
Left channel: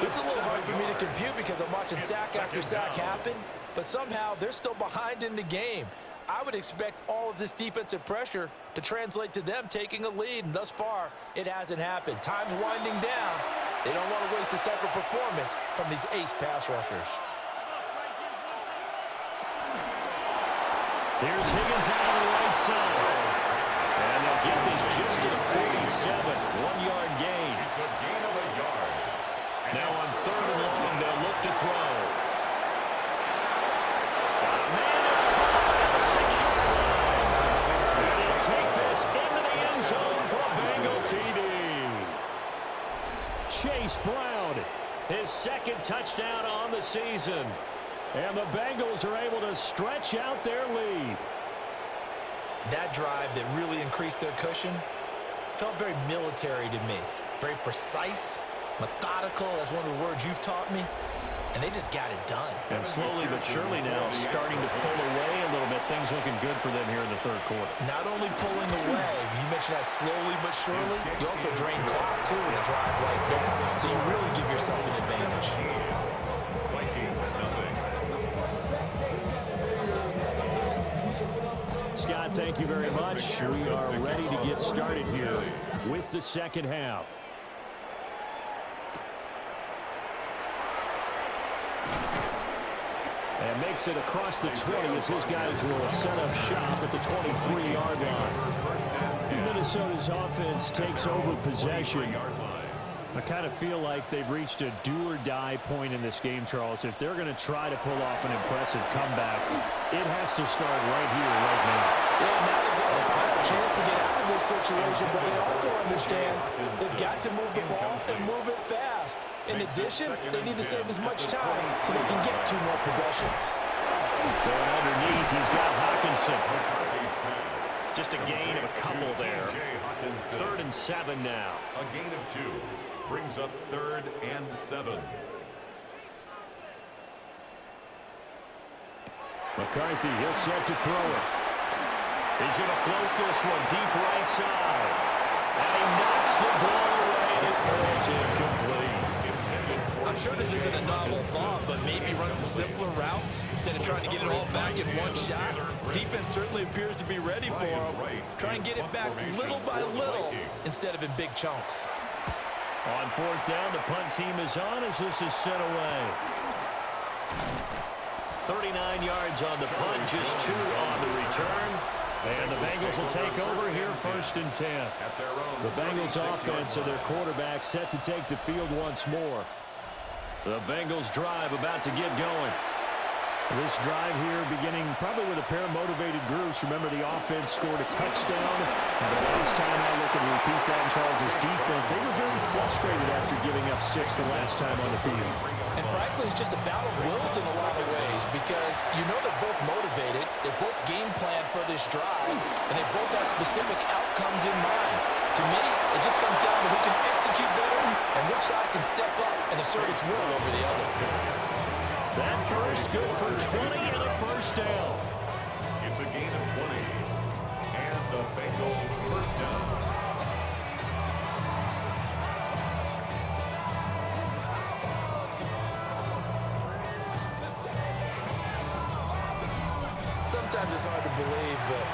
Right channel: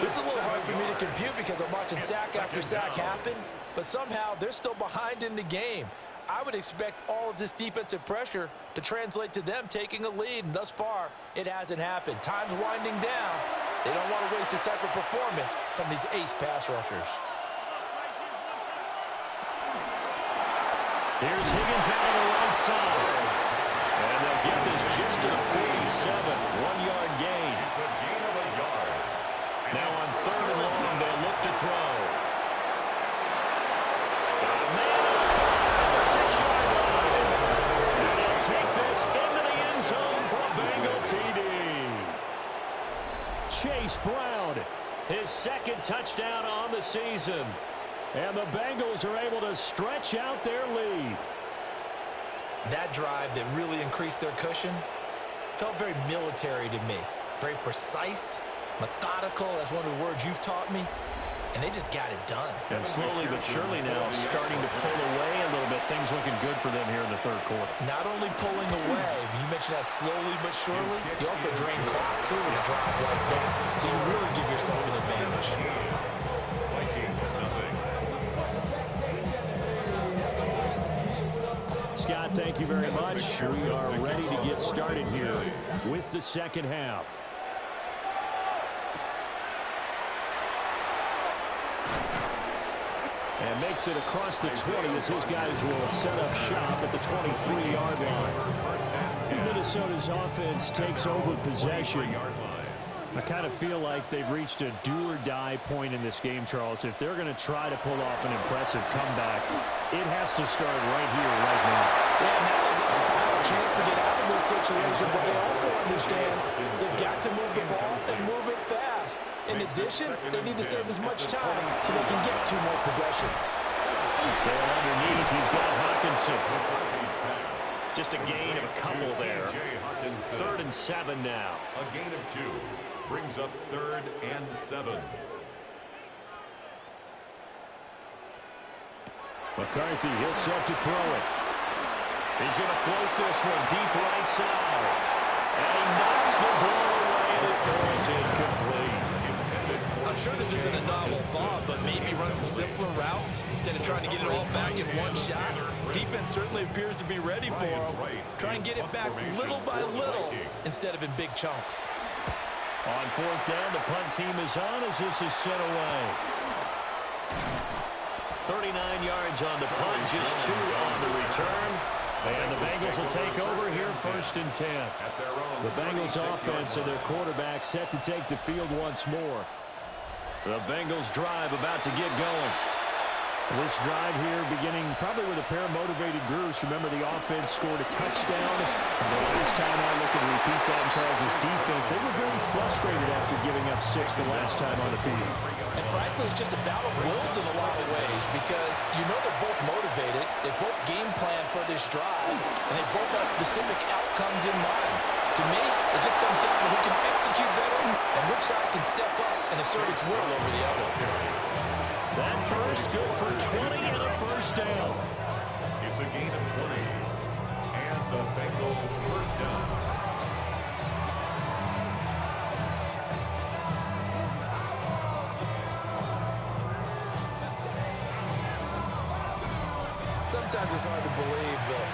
this is a little hard for me to compute because I'm watching sack after sack happen, but somehow they're still behind in the game. I would expect all of this defensive pressure to translate to them taking a lead, and thus far, it hasn't happened. Time's winding down. They don't want to waste this type of performance from these ace pass rushers. Here's Higgins out on the right side. And they'll get this just to the 47. 1-yard gain. It's a gain of a yard. Now on third and long, they'll look to throw. Man, it's caught at the 6-yard line. And he'll take this into the end zone for a Bengal TD. Chase Brown, his second touchdown on the season. And the Bengals are able to stretch out their lead. That drive that really increased their cushion felt very military to me. Very precise, methodical, that's one of the words you've taught me. and they just got it done. And slowly but surely now starting to pull away a little bit. Things looking good for them here in the third quarter. Not only pulling away, but you mentioned that slowly but surely, you also drain clock too with a drive like that. So you really give yourself an advantage. Vikings, nothing. Scott, thank you very much. We are ready to get started here with the second half. And makes it across the 20 as his guys will set up shop at the 23-yard line. Minnesota's offense takes over possession. I kind of feel like they've reached a do-or-die point in this game, Charles. If they're going to try to pull off an impressive comeback, it has to start right here, right now. Yeah, now they get a final chance to get out of this situation, but they also understand they've got to move the ball and move it fast. In addition, they need to save as much time so they can get 2 more possessions. Going underneath, he's got Hawkinson. Just a gain of a couple there. 3rd and 7 now. A gain of 2 brings up 3rd and 7. McCarthy, he'll set to throw it. He's going to float this one deep right side. And he knocks the ball away, and it falls incomplete. I'm sure this isn't a novel thought, but maybe run some simpler routes instead of trying to get it all back in one shot. Defense certainly appears to be ready for him. Try and get it back little by little instead of in big chunks. On 4th down, the punt team is on as this is sent away. 39 yards on the punt, just 2 on the return. And the Bengals will take over here 1st and 10. The Bengals offense and their quarterback set to take the field once more. The Bengals drive about to get going. This drive here beginning probably with a pair of motivated groups. Remember, the offense scored a touchdown. The last time I look and repeat that in Charles's defense, they were very frustrated after giving up 6 the last time on the field. And frankly, it's just a battle of wills in a lot of ways because you know they're both motivated. They both game plan for this drive, and they both have specific outcomes in mind. To me, it just comes down to who can execute better and which side can step up and assert its will over the other. That burst good for 20 and a 1st down. It's a gain of 20. And the Bengals 1st down. Sometimes it's hard to believe, but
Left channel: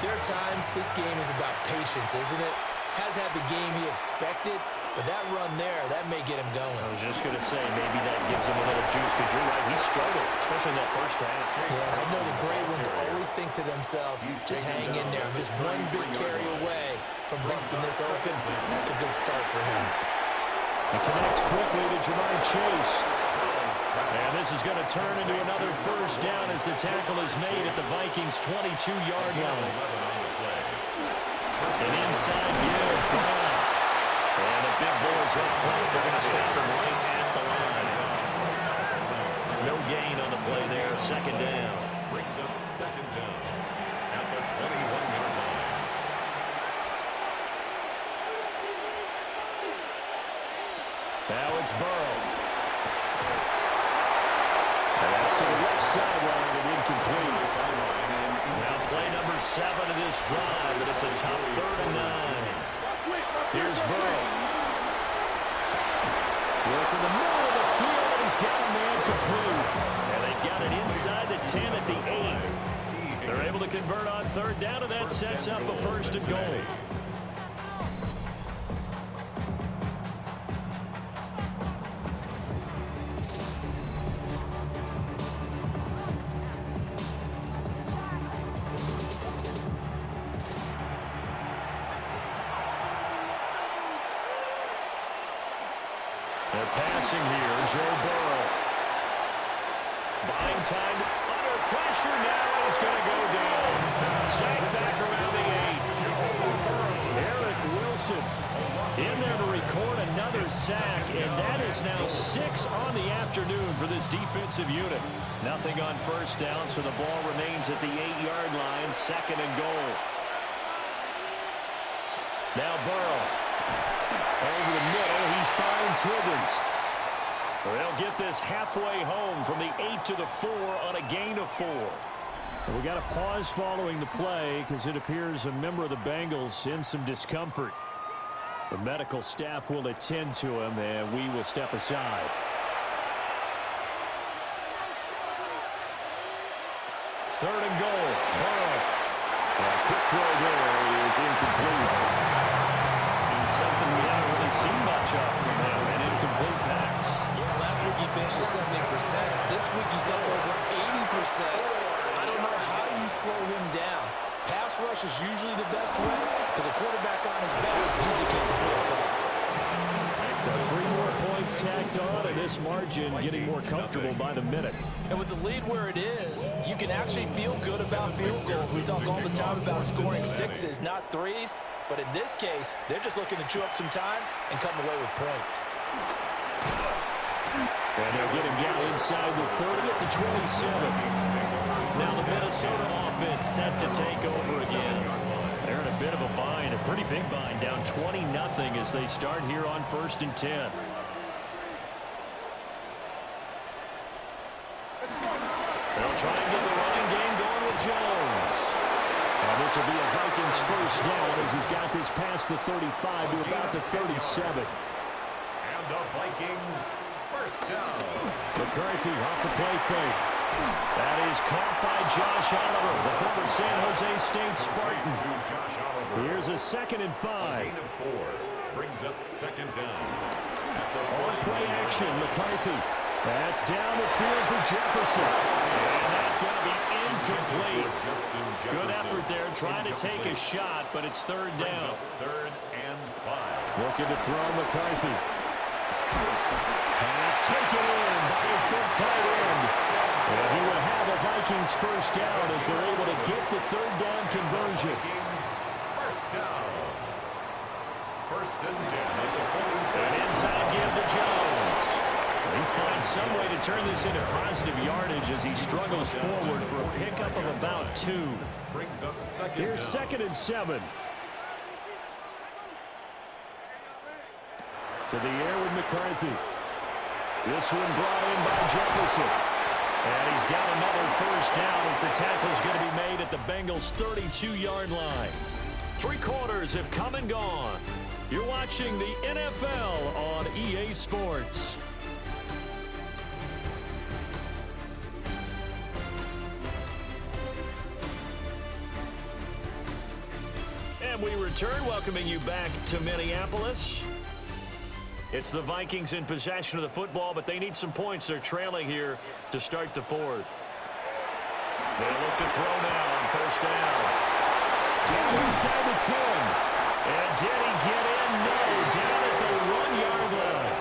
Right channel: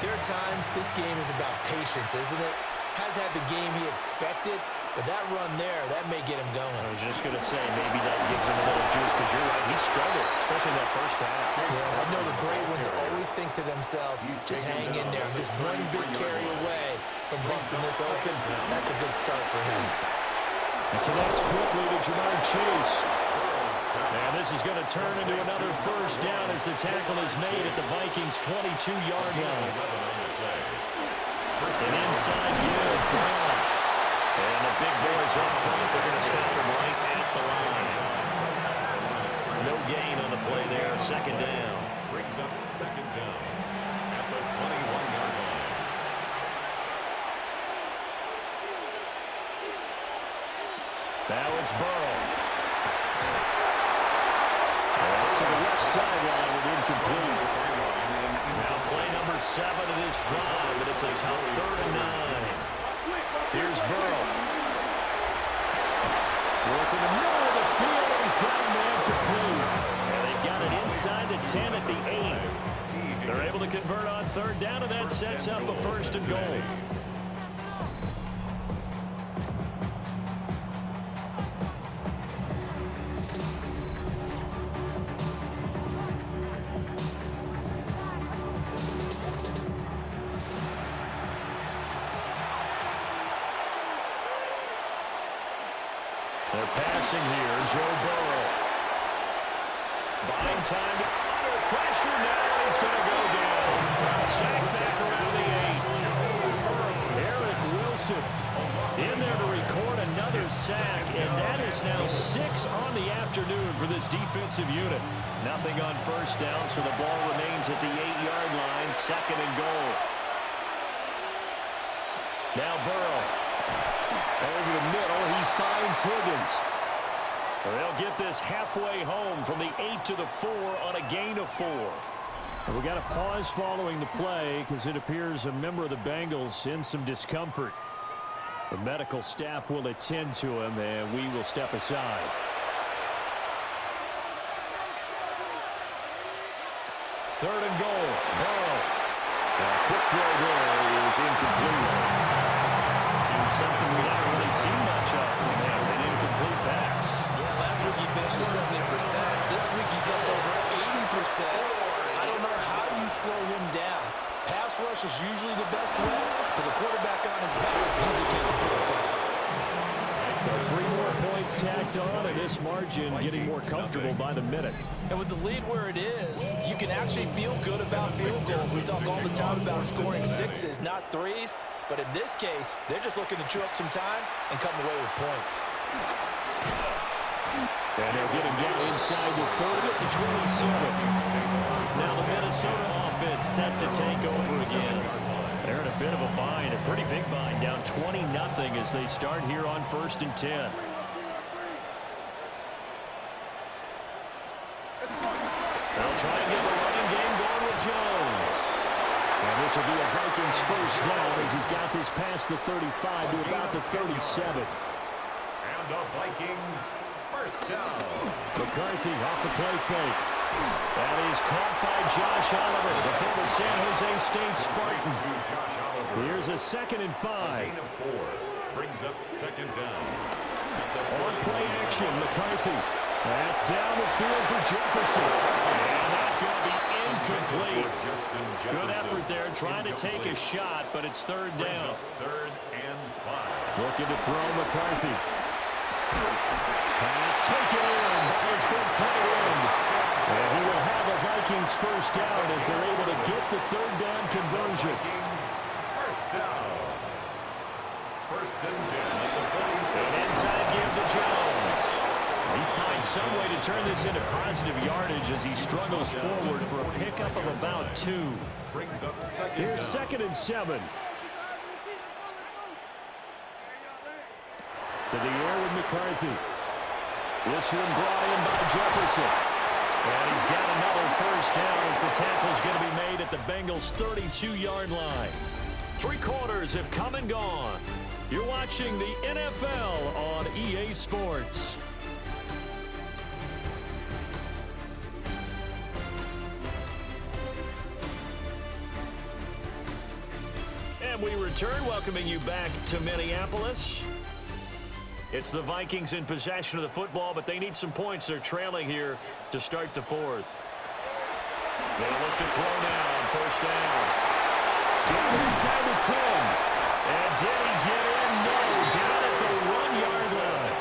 there are times this game is about patience, isn't it? Has had the game he expected, but that run there, that may get him going. I was just going to say, maybe that gives him a little juice because you're right, he struggled, especially in that first half. Yeah, and I know the great ones always think to themselves, just hang in there. I'm just one big carry away from busting this open. That's a good start for him. It connects quickly to Jamar Chase. And this is going to turn into another 1st down as the tackle is made at the Vikings' 22-yard line. An inside give, Brown. And the big boys up front, they're going to stop him right at the line. No gain on the play there, 2nd down. Brings up 2nd down at the 21-yard line. Now it's Burrow. And that's to the left sideline and incomplete. Now play number 7 of this drive, but it's a tough 3rd and 9. Here's Burrow. Working the middle of the field, and he's got a man complete. And they've got it inside the 10 at the 8. They're able to convert on 3rd down, and that sets up a 1st and goal. They're passing here, Joe Burrow. Buying time, under pressure now, and he's going to go down. Sacked back around the 8. Eric Wilson in there to record another sack, and that is now 6 on the afternoon for this defensive unit. Nothing on 1st down, so the ball remains at the 8-yard line, 2nd and goal. Now Burrow. Over the middle, he finds Higgins. They'll get this halfway home from the 8 to the 4 on a gain of 4. We got a pause following the play because it appears a member of the Bengals in some discomfort. The medical staff will attend to him, and we will step aside. Third and goal. Burrow. A quick throw there is incomplete. Something we haven't really seen much of from him, an incomplete pass. Yeah, last week he finished at 70%. This week he's up over 80%. I don't know how you slow him down. Pass rush is usually the best way because a quarterback on his back usually can't complete a pass. So 3 more points tacked on, and this margin getting more comfortable by the minute. And with the lead where it is, you can actually feel good about field goals. We talk all the time about scoring 6s, not 3s. But in this case, they're just looking to chew up some time and come away with points. And they'll get him down inside the 30 at the 27. Now the Minnesota offense set to take over again. They're in a bit of a bind, a pretty big bind, down 20-0 as they start here on 1st and 10. They'll try and get the running game going with Jones. And this will be a Vikings first down as he's got this past the 35 to about the 37. And a Vikings first down. McCarthy off the play fake. That is caught by Josh Oliver, the former San Jose State Spartan. Here's a 2nd and 5. Gain of 4 brings up 2nd down. On play action, McCarthy. That's down the field for Jefferson. And that's going to be incomplete. Good effort there trying to take a shot, but it's 3rd down. 3rd and 5. Looking to throw McCarthy. Pass taken in by his big tight end. And he will have a Vikings first down as they're able to get the 3rd down conversion. Vikings first down. 1st and 10 at the 47. An inside give to Jones. He finds some way to turn this into positive yardage as he struggles forward for a pickup of about 2. Brings up 2nd Here's down. 2nd and 7. To the air with McCarthy. This one brought in by Jefferson. And he's got another first down as the tackle's going to be made at the Bengals' 32-yard line. 3 quarters have come and gone. You're watching the NFL on EA Sports. And we return, welcoming you back to Minneapolis. It's the Vikings in possession of the football, but they need some points. They're trailing here to start the 4th. They'll look to throw now on 1st down. Down inside the 10. And did he get in? No, down at the 1-yard line.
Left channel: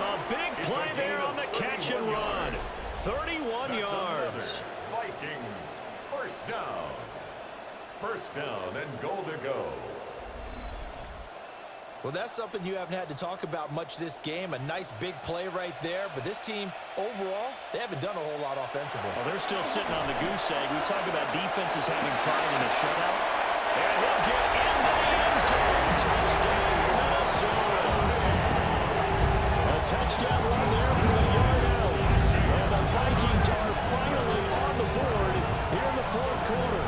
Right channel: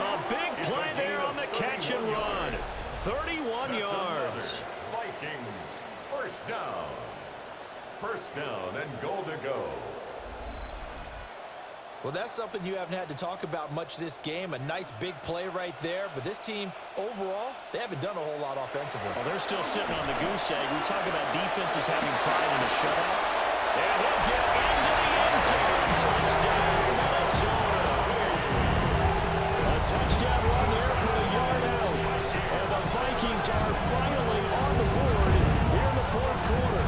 A big play there on the catch and run. 31 yards. Vikings first down. 1st down and goal to go. Well, that's something you haven't had to talk about much this game. A nice big play right there. But this team, overall, they haven't done a whole lot offensively. Well, they're still sitting on the goose egg. We talk about defenses having pride in a shutout. And he'll get into the end zone. Touchdown, Minnesota. A touchdown run there for the yard out. And the Vikings are finally on the board here in the 4th quarter.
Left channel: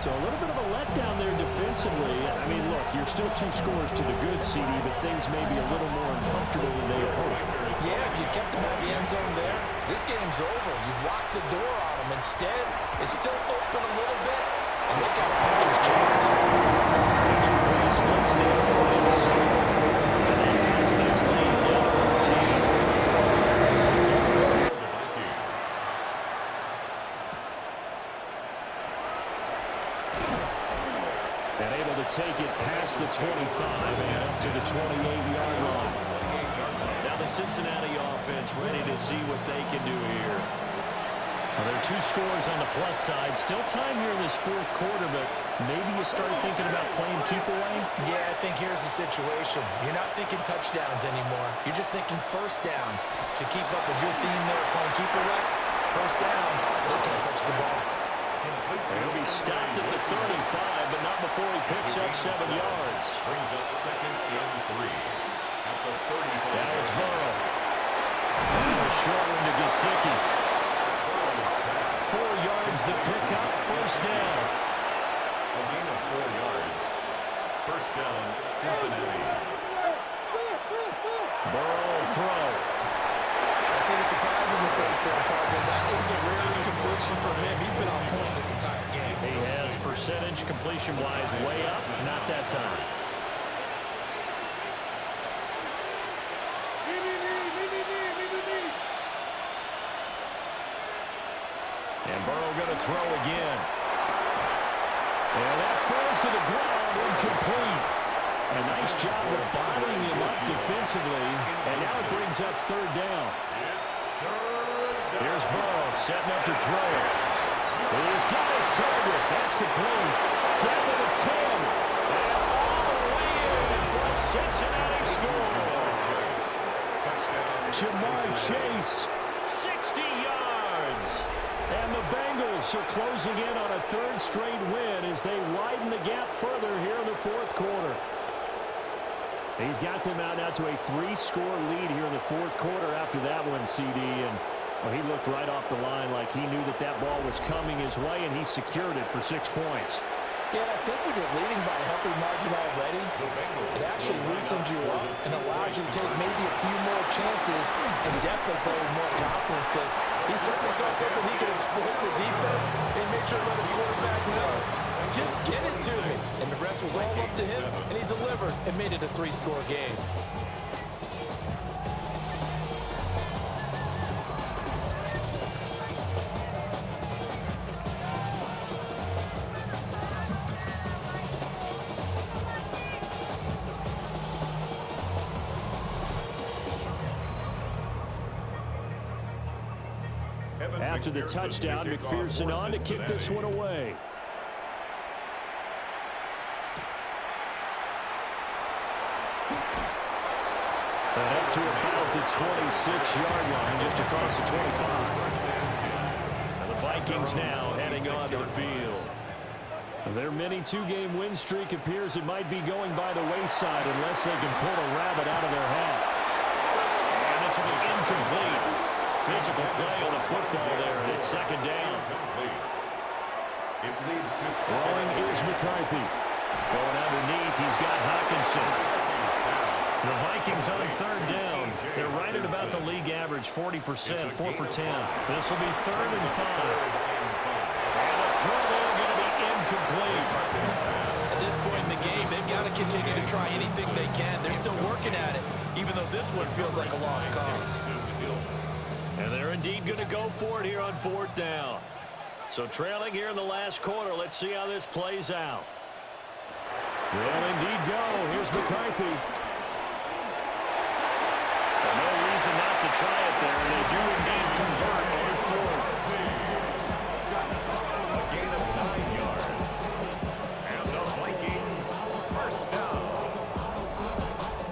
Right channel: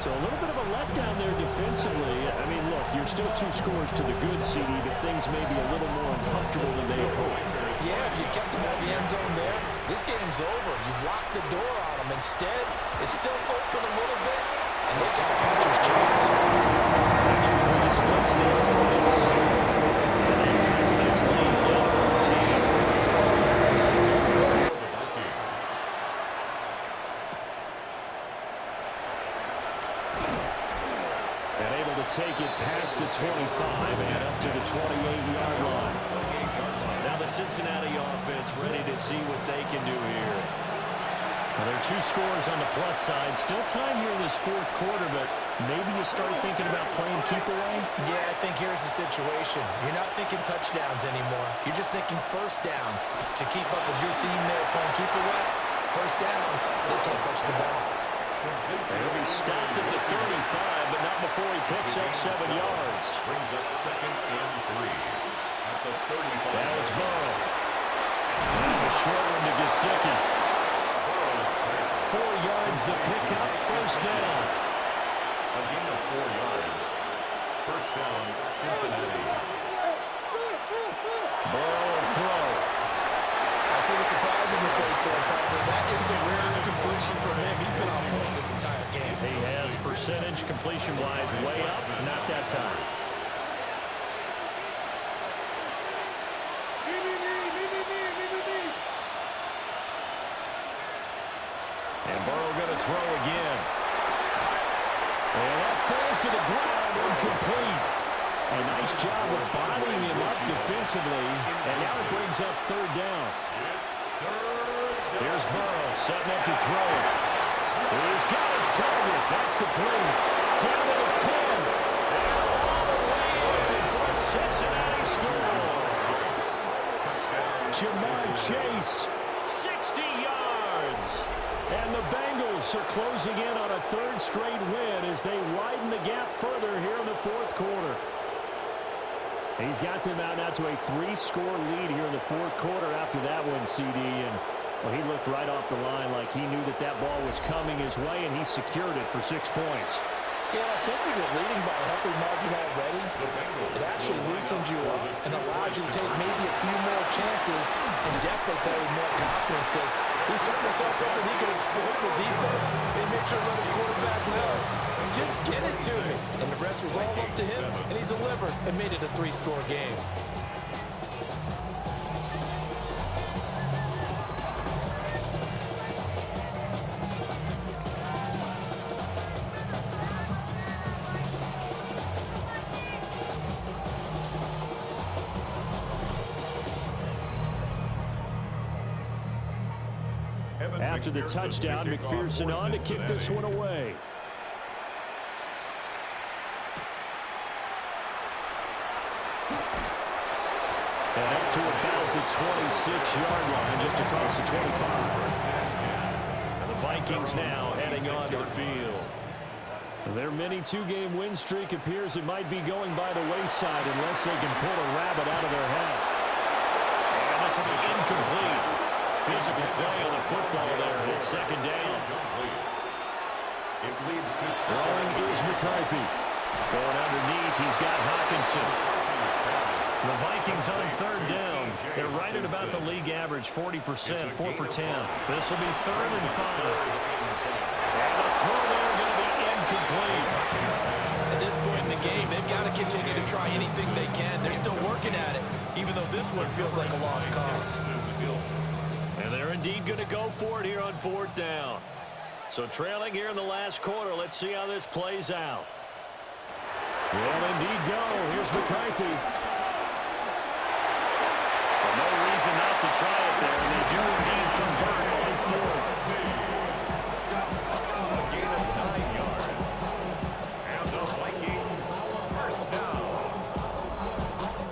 So a little bit of a letdown there defensively. I mean, look, you're still 2 scores to the good, CD, but things may be a little more uncomfortable than they had hoped. Yeah, if you kept them out of the end zone there, this game's over. You've locked the door on them. Instead, it's still open a little bit, and they've got a puncher's chance. Extra point splits the points. And then cuts this lead down to 14. And able to take it past the 25 and up to the 28-yard line. Now the Cincinnati offense ready to see what they can do here. Well, there are 2 scores on the plus side. Still time here in this 4th quarter, but maybe you start thinking about playing keep away? Yeah, I think here's the situation. You're not thinking touchdowns anymore. You're just thinking first downs. To keep up with your theme there, playing keep away, first downs, they can't touch the ball. He'll be stopped at the 35, but not before he picks up 7 yards. Brings up 2nd and 3 at the 35. Now it's Burrow. And a short one to Gesicki. 4 yards the pickup, first down. A gain of 4 yards. First down, Cincinnati. Burrow will throw. I see the surprise in your face there, partner. That is a rare incompletion from him. He's been on point this entire game. He has percentage completion-wise way up, not that time. And Burrow going to throw again. And that falls to the ground, incomplete. A nice job of bodying him up defensively. And now it brings up third down. Here's Burrow setting up to throw it. He's got his target. That's complete. Down to the 10. And all the way in for a Cincinnati score. Jamar Chase, 60 yards. And the Bengals are closing in on a third straight win as they widen the gap further here in the fourth quarter. He's got them out now to a 3-score lead here in the fourth quarter after that one, CD. And well, he looked right off the line like he knew that that ball was coming his way, and he secured it for 6 points. Yeah, I think when you're leading by a healthy margin already, it actually loosens you up and allows you to take maybe a few more chances and definitely play with more confidence, because he certainly saw something he could exploit in the defense and make sure to let his quarterback know, just get it to me. And the rest was all up to him, and he delivered and made it a 3-score game. After the touchdown, McPherson on to kick this one away. And up to about the 26-yard line, just across the 25. And the Vikings now heading onto the field. Their mini 2-game win streak appears it might be going by the wayside unless they can pull a rabbit out of their hat. And this will be incomplete. Physical play on the football there, and it's second down. It leads to throwing is McCarthy. Going underneath, he's got Hawkinson. The Vikings on third down. They're right at about the league average, 40%, 4 for 10. This will be 3rd and 5. And a throw there going to be incomplete. At this point in the game, they've got to continue to try anything they can. They're still working at it, even though this one feels like a lost cause. And they're indeed going to go for it here on 4th down. So trailing here in the last quarter, let's see how this plays out. Well, indeed go. Here's McCarthy. Well, no reason not to try it there, and they do indeed convert on 4th. a gain of 9 yards. And the Vikings first down.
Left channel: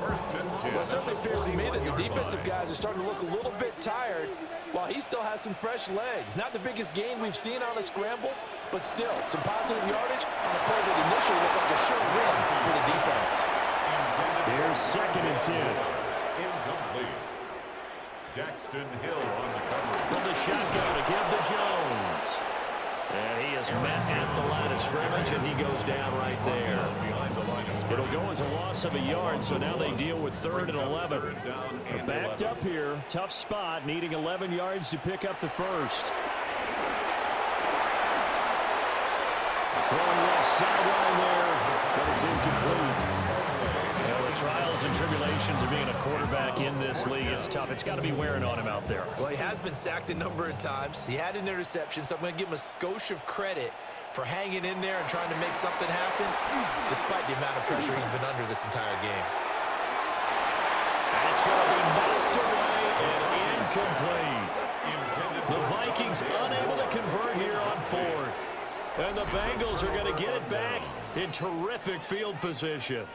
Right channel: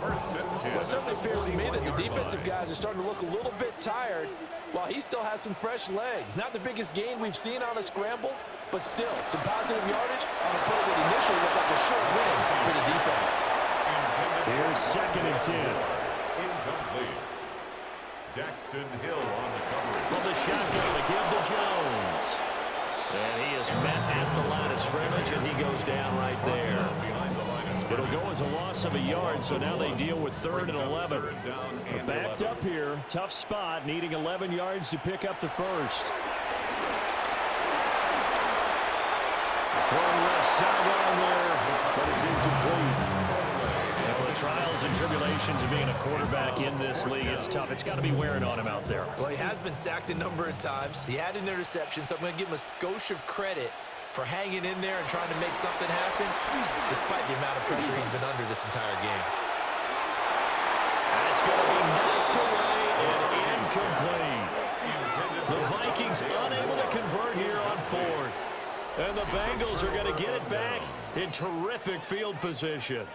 1st and 10. Well, it certainly appears to me that the defensive guys are starting to look a little bit tired, while he still has some fresh legs. Not the biggest gain we've seen on a scramble, but still some positive yardage on a play that initially looked like a short win for the defense. Here's 2nd and 10. Incomplete. Daxton Hill on the coverage. From the shotgun to give to Jones. And he is met at the line of scrimmage, and he goes down right there. It'll go as a loss of a yard, so now they deal with 3rd and 11. They're backed up here, tough spot, needing 11 yards to pick up the first. Throwing left sideline there, but it's incomplete. Well, the trials and tribulations of being a quarterback in this league, it's tough. It's got to be wearing on him out there. Well, he has been sacked a number of times. He had an interception, so I'm going to give him a skosh of credit for hanging in there and trying to make something happen, despite the amount of pressure he's been under this entire game. That's going to be knocked away and incomplete. The Vikings unable to convert here on 4th. And the Bengals are going to get it back in terrific field position.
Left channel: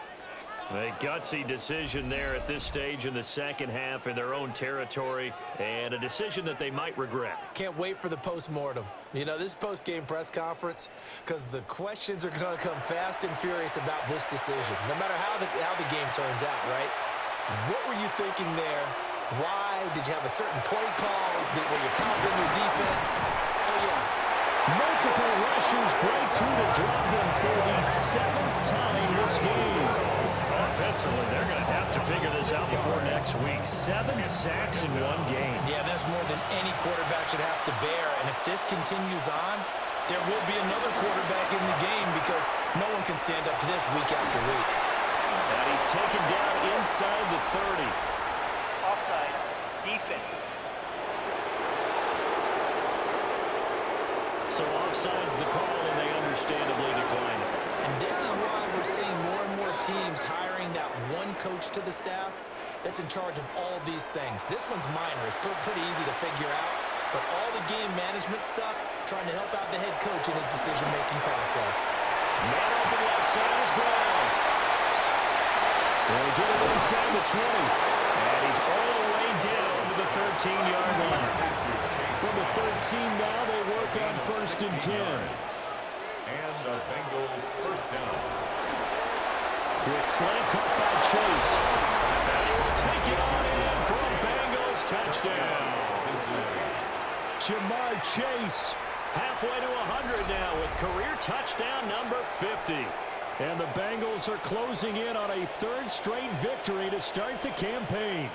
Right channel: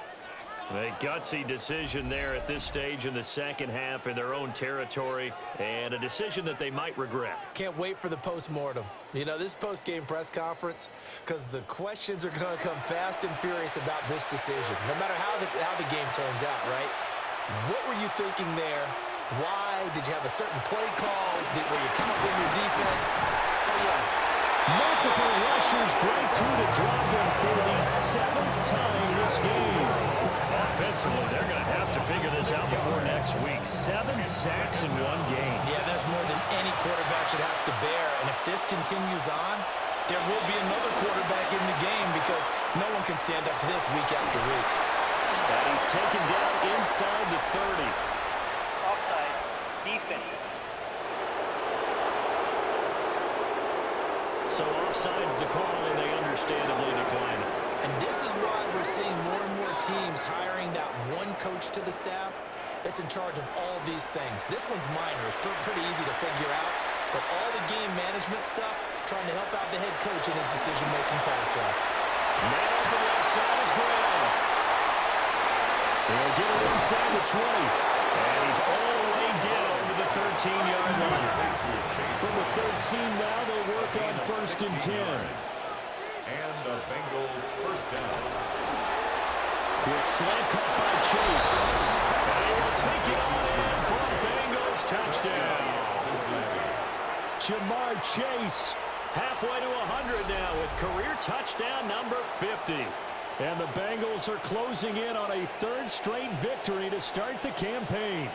A gutsy decision there at this stage in the second half in their own territory, and a decision that they might regret. Can't wait for the postmortem. You know, this post-game press conference, because the questions are going to come fast and furious about this decision, no matter how the game turns out, right? What were you thinking there Why? Did you have a certain play call? Were you confident in your defense? Oh, yeah. Multiple rushers break through to drop them for the 7th time this game. Offensively, they're going to have to figure this out before next week. 7 sacks in one game. Yeah, that's more than any quarterback should have to bear. And if this continues on, there will be another quarterback in the game because no one can stand up to this week after week. And he's taken down inside the 30. Offside, defense. So offside's the call, and they understandably decline it. And this is why we're seeing more and more teams hiring that one coach to the staff that's in charge of all these things. This one's minor. It's pretty easy to figure out. But all the game management stuff, trying to help out the head coach in his decision-making process. Man open left side is Brown. He'll get it inside the 20. And he's all the way down to the 13-yard line. From the 13 now, they work on 1st and 10. And a Bengal first down. Quick slant cut by Chase. And he will take it on in for a Bengals touchdown. Jamar Chase halfway to 100 now with career touchdown number 50. And the Bengals are closing in on a 3rd straight victory to start the campaign.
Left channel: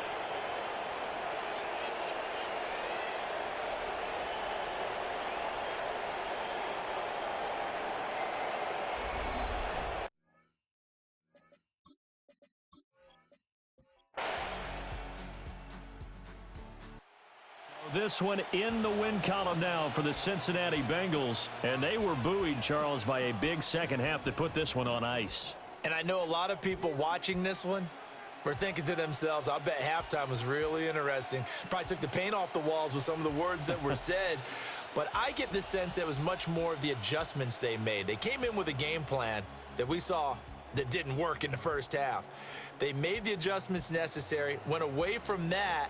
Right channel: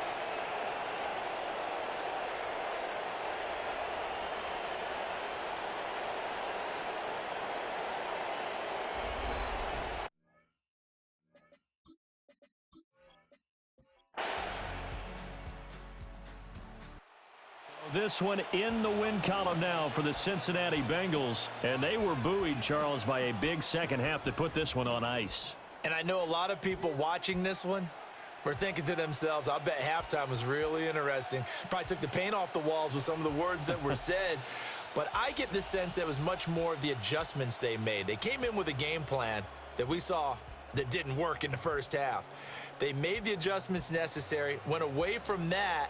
This one in the win column now for the Cincinnati Bengals. And they were buoyed, Charles, by a big second half to put this one on ice. And I know a lot of people watching this one were thinking to themselves, I bet halftime was really interesting. Probably took the paint off the walls with some of the words that were said. But I get the sense that it was much more of the adjustments they made. They came in with a game plan that we saw that didn't work in the first half. They made the adjustments necessary, went away from that,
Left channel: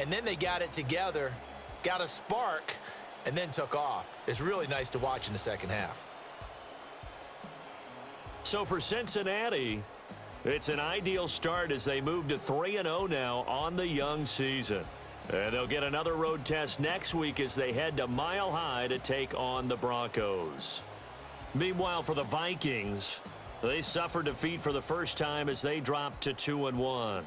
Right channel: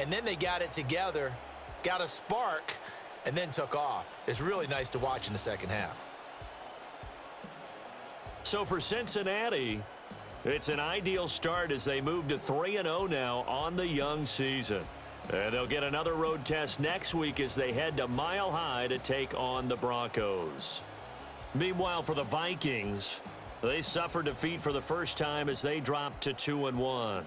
and then they got it together, got a spark, and then took off. It's really nice to watch in the second half. So for Cincinnati, it's an ideal start as they move to 3-0 now on the young season. And they'll get another road test next week as they head to Mile High to take on the Broncos. Meanwhile, for the Vikings, they suffered defeat for the first time as they dropped to 2-1.